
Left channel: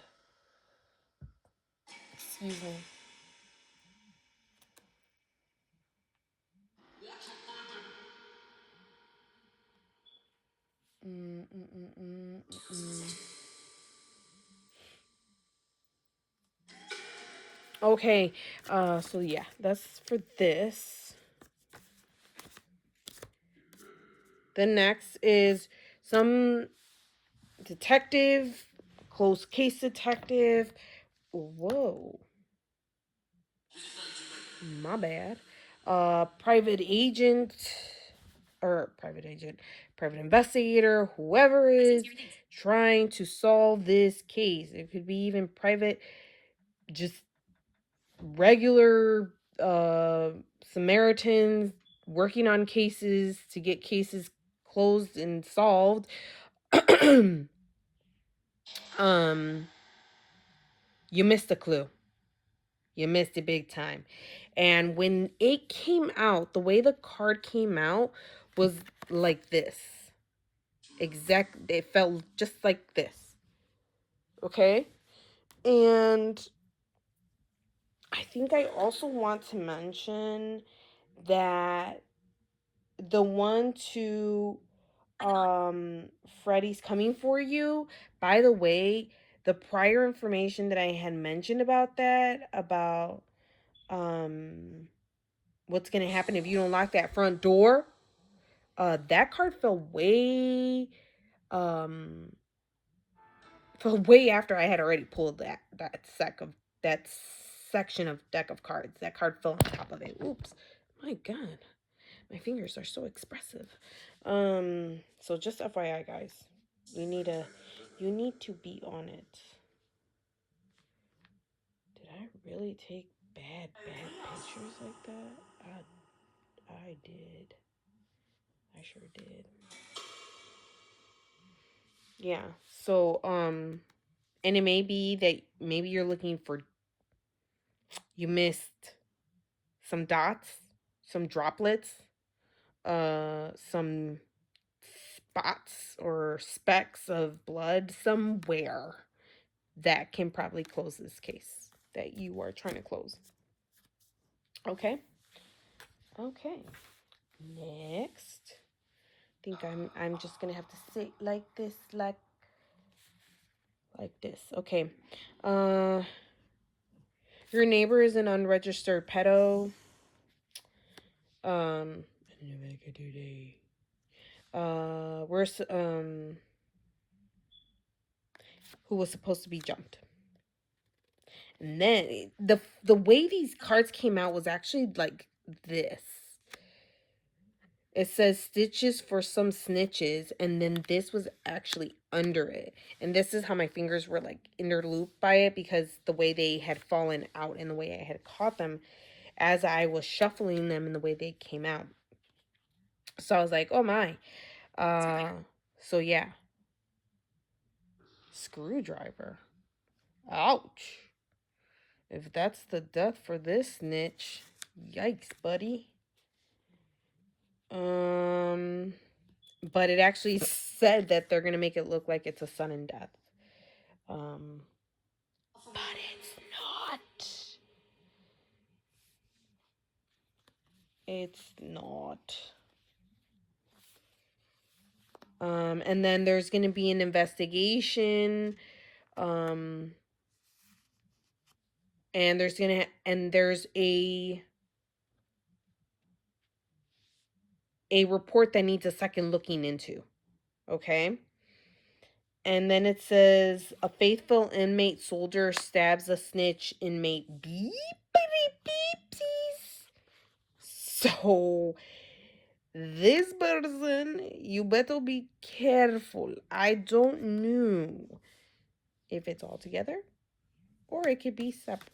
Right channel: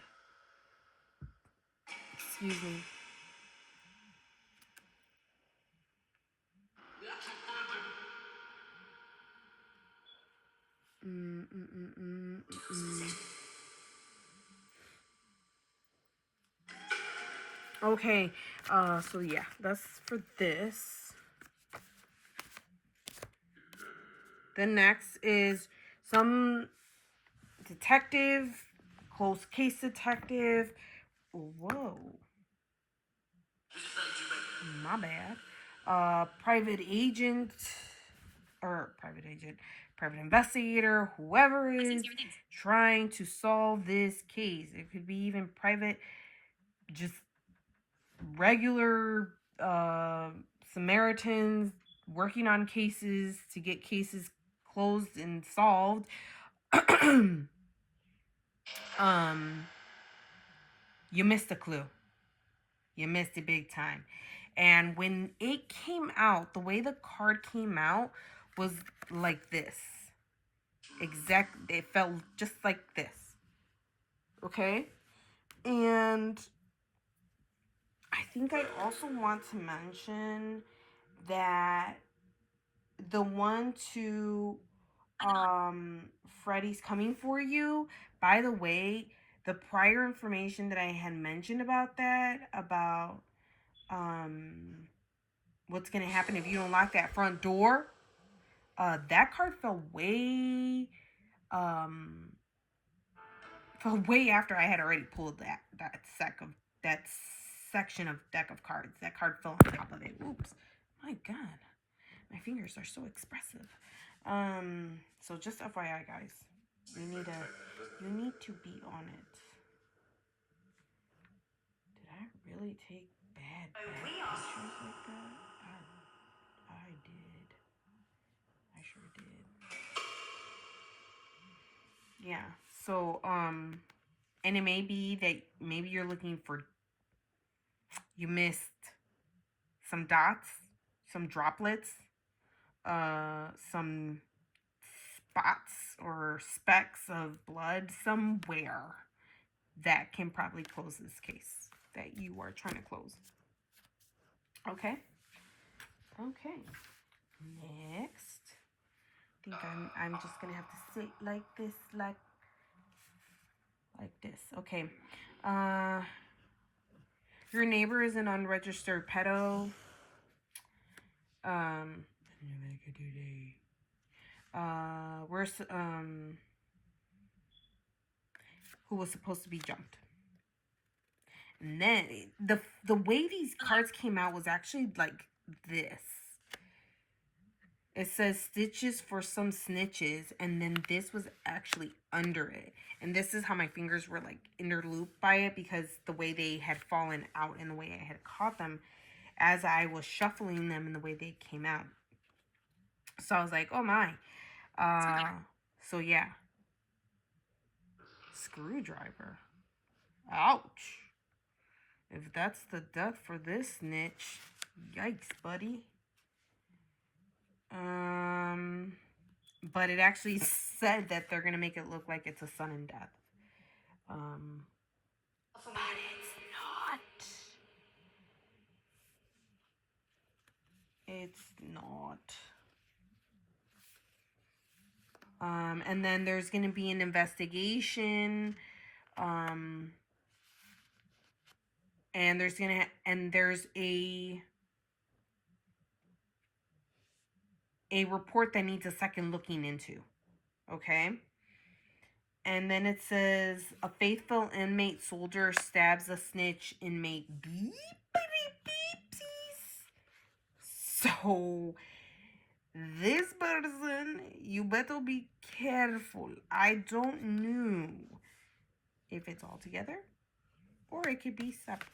Excuse me. Okay, so yeah, that's for this. The next is some detective, close case detective. Whoa. My bad. Private agent, private investigator, whoever is trying to solve this case. It could be even private, just regular Samaritans working on cases to get cases closed and solved. You missed the clue. You missed it big time. And when it came out, the way the card came out was like this. It felt just like this. Okay? And I think I also want to mention that the one to Freddy's Coming For You, by the way, the prior information that I had mentioned about that, about what's gonna happen if you don't lock that front door, that card um fell way after I had already pulled that section of deck of cards. That card fell on top of it. Oops. My god. My fingers are so expressive. So just FYI, guys, you need to be on it. Did I really take bad pictures like that? I did. I sure did. Yeah. So and it may be that maybe you're looking for, you missed some dots, some droplets, some spots or specks of blood somewhere that can probably close this case that you are trying to close. Okay. Okay. Next. I think I'm just gonna have to sit like this, like this. Okay. Your neighbor is an unregistered pedo. We're who was supposed to be jumped. And then the way these cards came out was actually like this. It says stitches for some snitches, and then this was actually under it. And this is how my fingers were like interlooped by it, because the way they had fallen out and the way I had caught them as I was shuffling them and the way they came out. So I was like, oh my. So yeah. Screwdriver. Ouch. If that's the death for this snitch, yikes, buddy. But it actually said that they're gonna make it look like it's a sudden death. But it's not. It's not. And then there's gonna be an investigation. And there's a report that needs a second looking into. Okay. And then it says a faithful inmate soldier stabs a snitch inmate. Beep, beep, beep, so this person, you better be careful. I don't know if it's all together or it could be separate.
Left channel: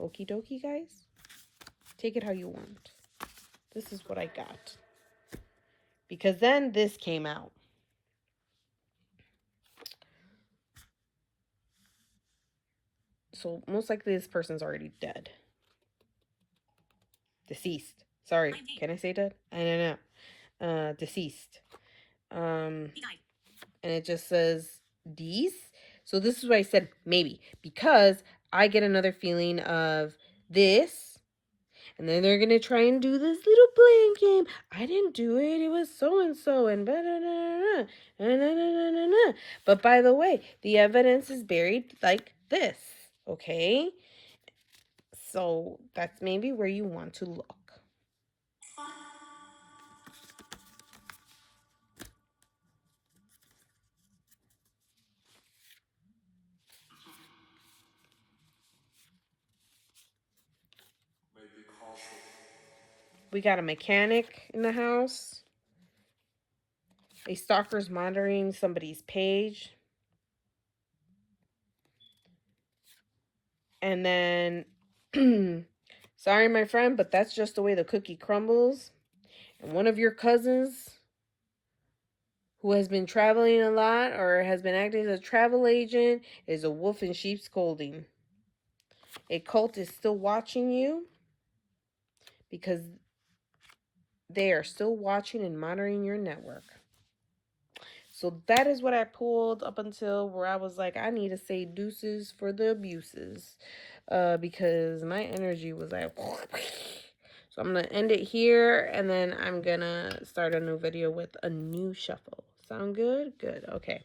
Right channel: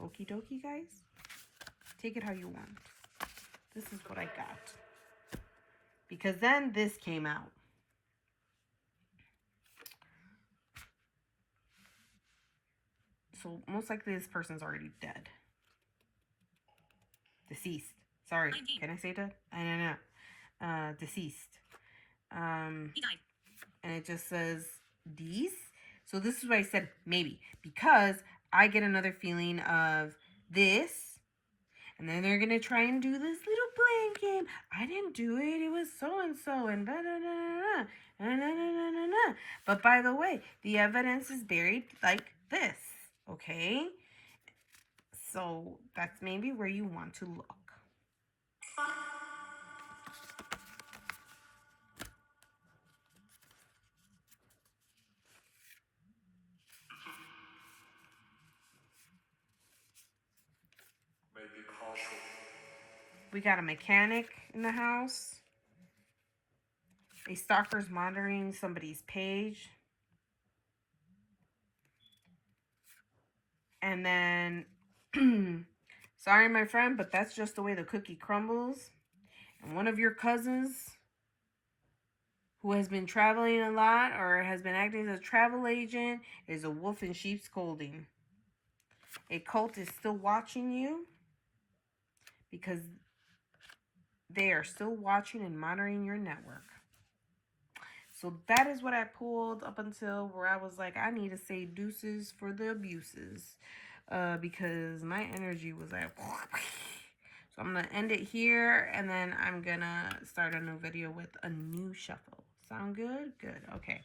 Okie dokie, guys. Take it how you want. This is what I got. Because then this came out. So most likely this person's already dead. Deceased. Sorry. Can I say dead? I don't know. Deceased. And it just says these. So this is why I said maybe. Because I get another feeling of this. And then they're going to try and do this little blame game. I didn't do it. It was so-and-so. And blah, blah, blah, blah. But by the way, the evidence is buried like this. Okay? So that's maybe where you want to look. We got a mechanic in the house. A stalker's monitoring somebody's page. And then, sorry, my friend, but that's just the way the cookie crumbles. And one of your cousins who has been traveling a lot or has been acting as a travel agent is a wolf in sheep's clothing. A cult is still watching you because they are still watching and monitoring your network. So that is what I pulled up until where I was like, I need to say deuces for the abuses. Because my energy was like, so I'm going to end it here, and then I'm going to start a new video with a new shuffle. Sound good? Good. Okay.